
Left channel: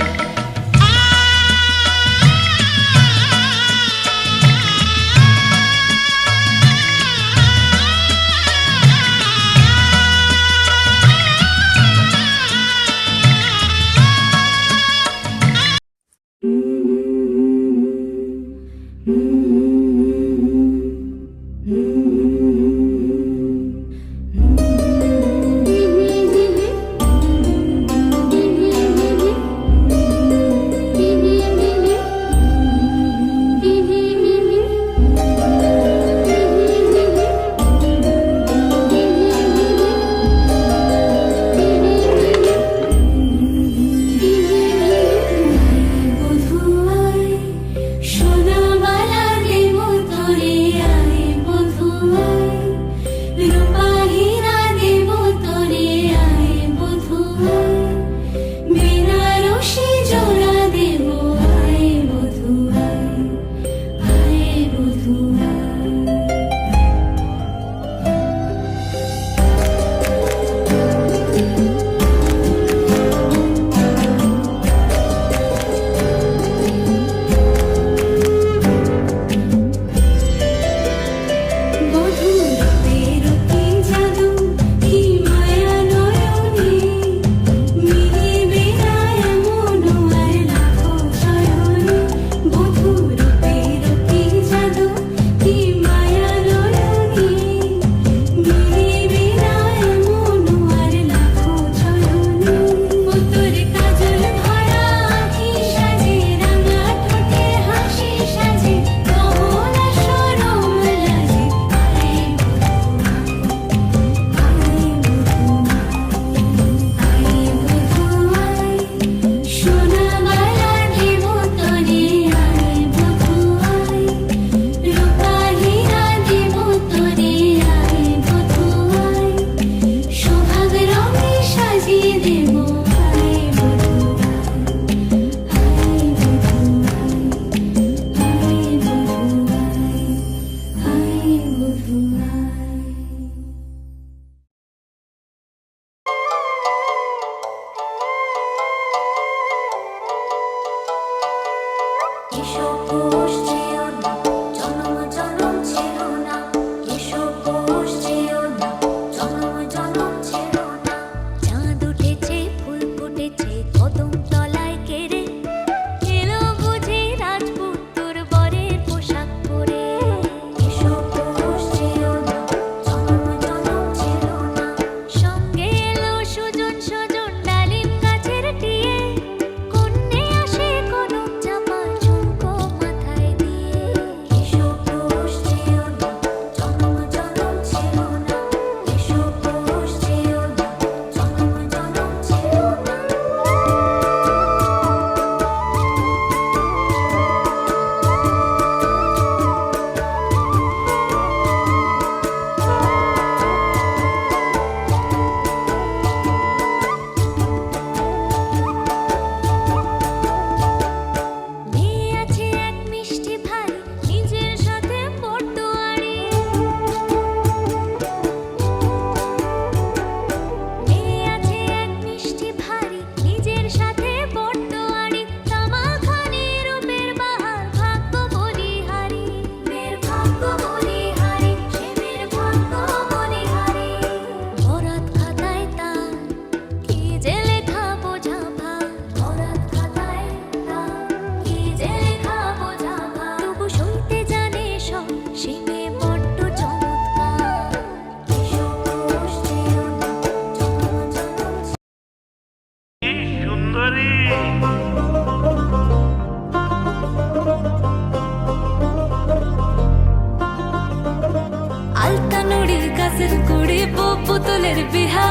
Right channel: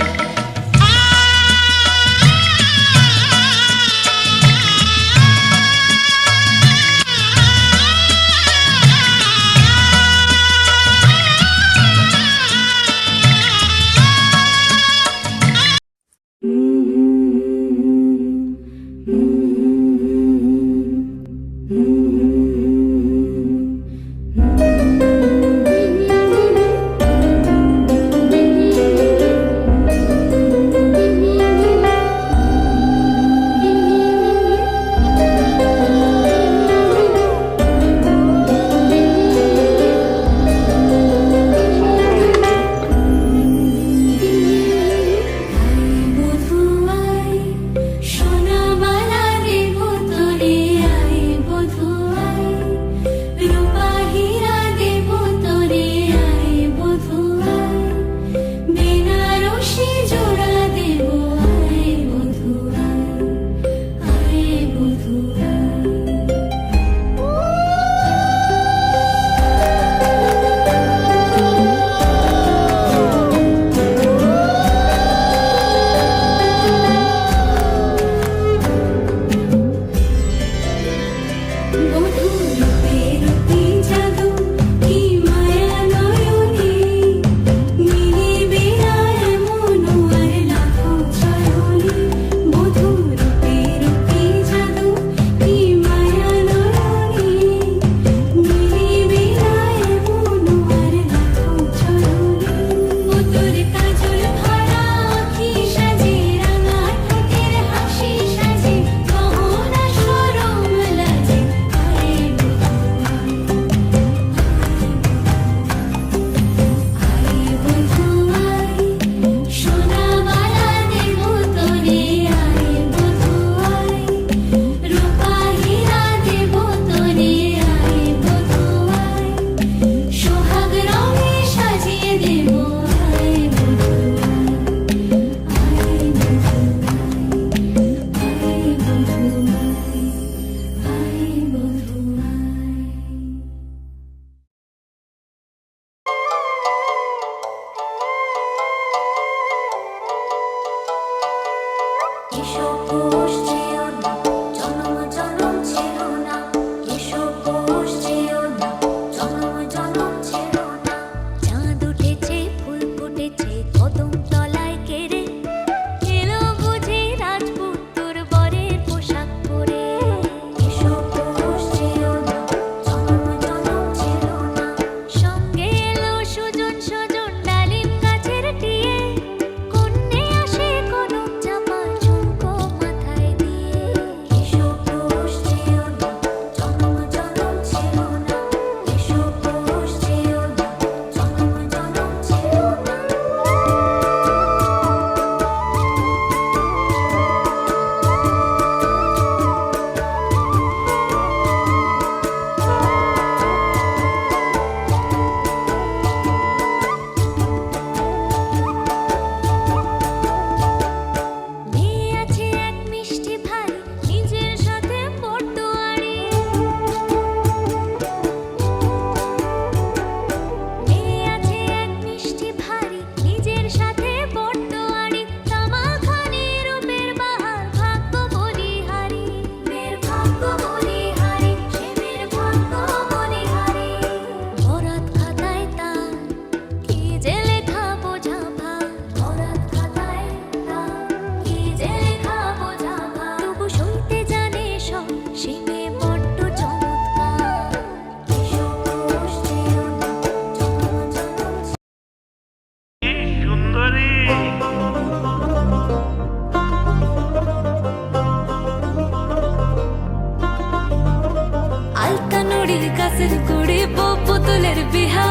পুতুলের বিহা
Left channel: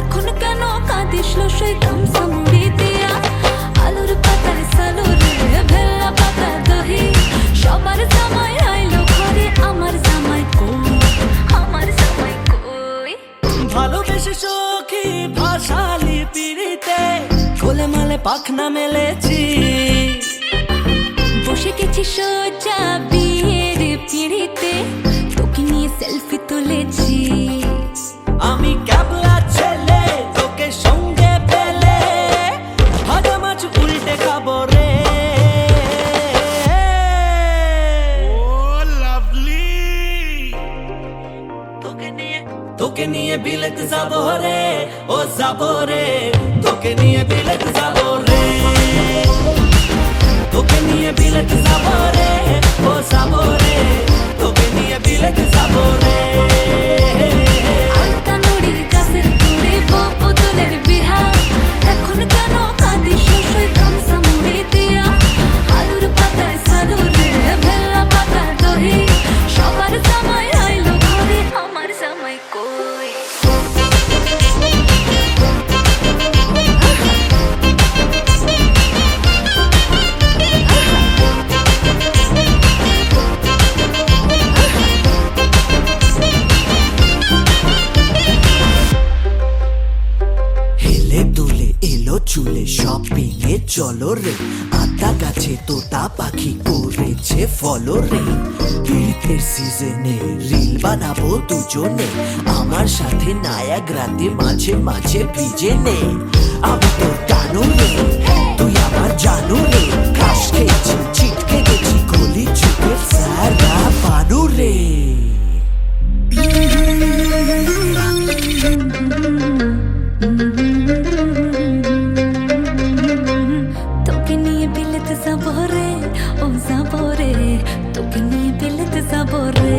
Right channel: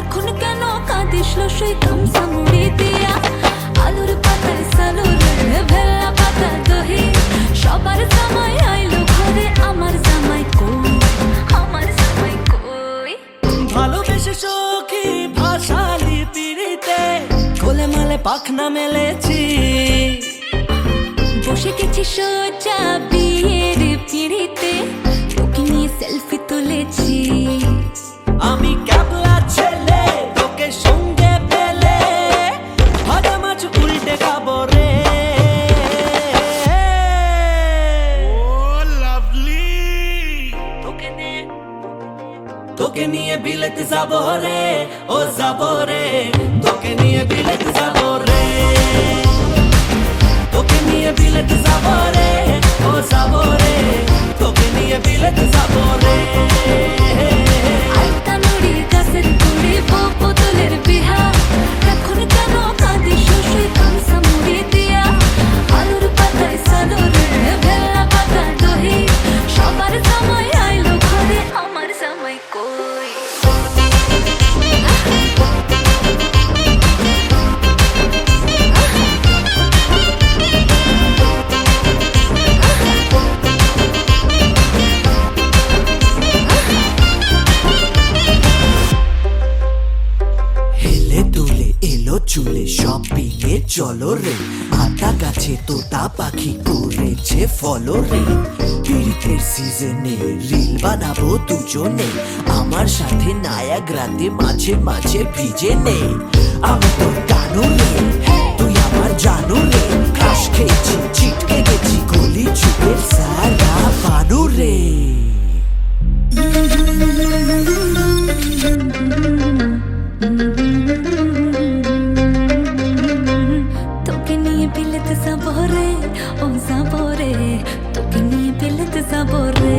এখন কেন কাঁদিস লসই গামছা মুড়ি দিয়া আলুর পাতায় সালুর ভেল্লা পাতা দহি সবার জামাই আইলো ঘরে আমার জামাই কই আমার জামাই কই ভালোবেসে সখী ভাষালি পিড়িতে কোলে মালে পাখনা মেলেছি বসে গেছি সোজা বিয়ের পিড়িতে তোকে নিয়ে সেলফি তুলেছি আমি ক্যাবলা ছেলে তোকে সঙ্গে পেলে ভাজা মাছ উল্টে খাবো রে তোকে নিয়ে বিলেত যাবো রে ও যাবো রে তোকে নিয়ে বিলেত যাবো রে তোকে নিয়ে বিলেত যাবো রে ও যাবো রে তোকে নিয়ে বিলেত যাবো রে আলতা নুড়ি গাছের গুড়ি বউ পুতুলের বিহা এখন কেন কাঁদিস লসই গামছা মুড়ি দিয়া আলুর পাতায় সালুর ভেল্লা পাতা দহি সবার জামাই আইলো ঘরে আমার জামাই কই হেলে দুলে এলো চুলে শপিং এ চলো রে আতা গাছে তোতা পাখি করেছে ফলো রে পীড়িতের সিজনে রিল বানাবো দুজনে আমার সাথে নায়াগ্রাতে মাঝে মাঝে ভিজে নে আমি তোর টানু রে তুই আমার জানু রে ক্রাশ খেয়েছি ছিটকে গেছি গলি চুপের সারা পানু রে তোকে নিয়ে বিলেত যাবো রে ও যাবো রে তোকে নিয়ে বিলেত যাবো রে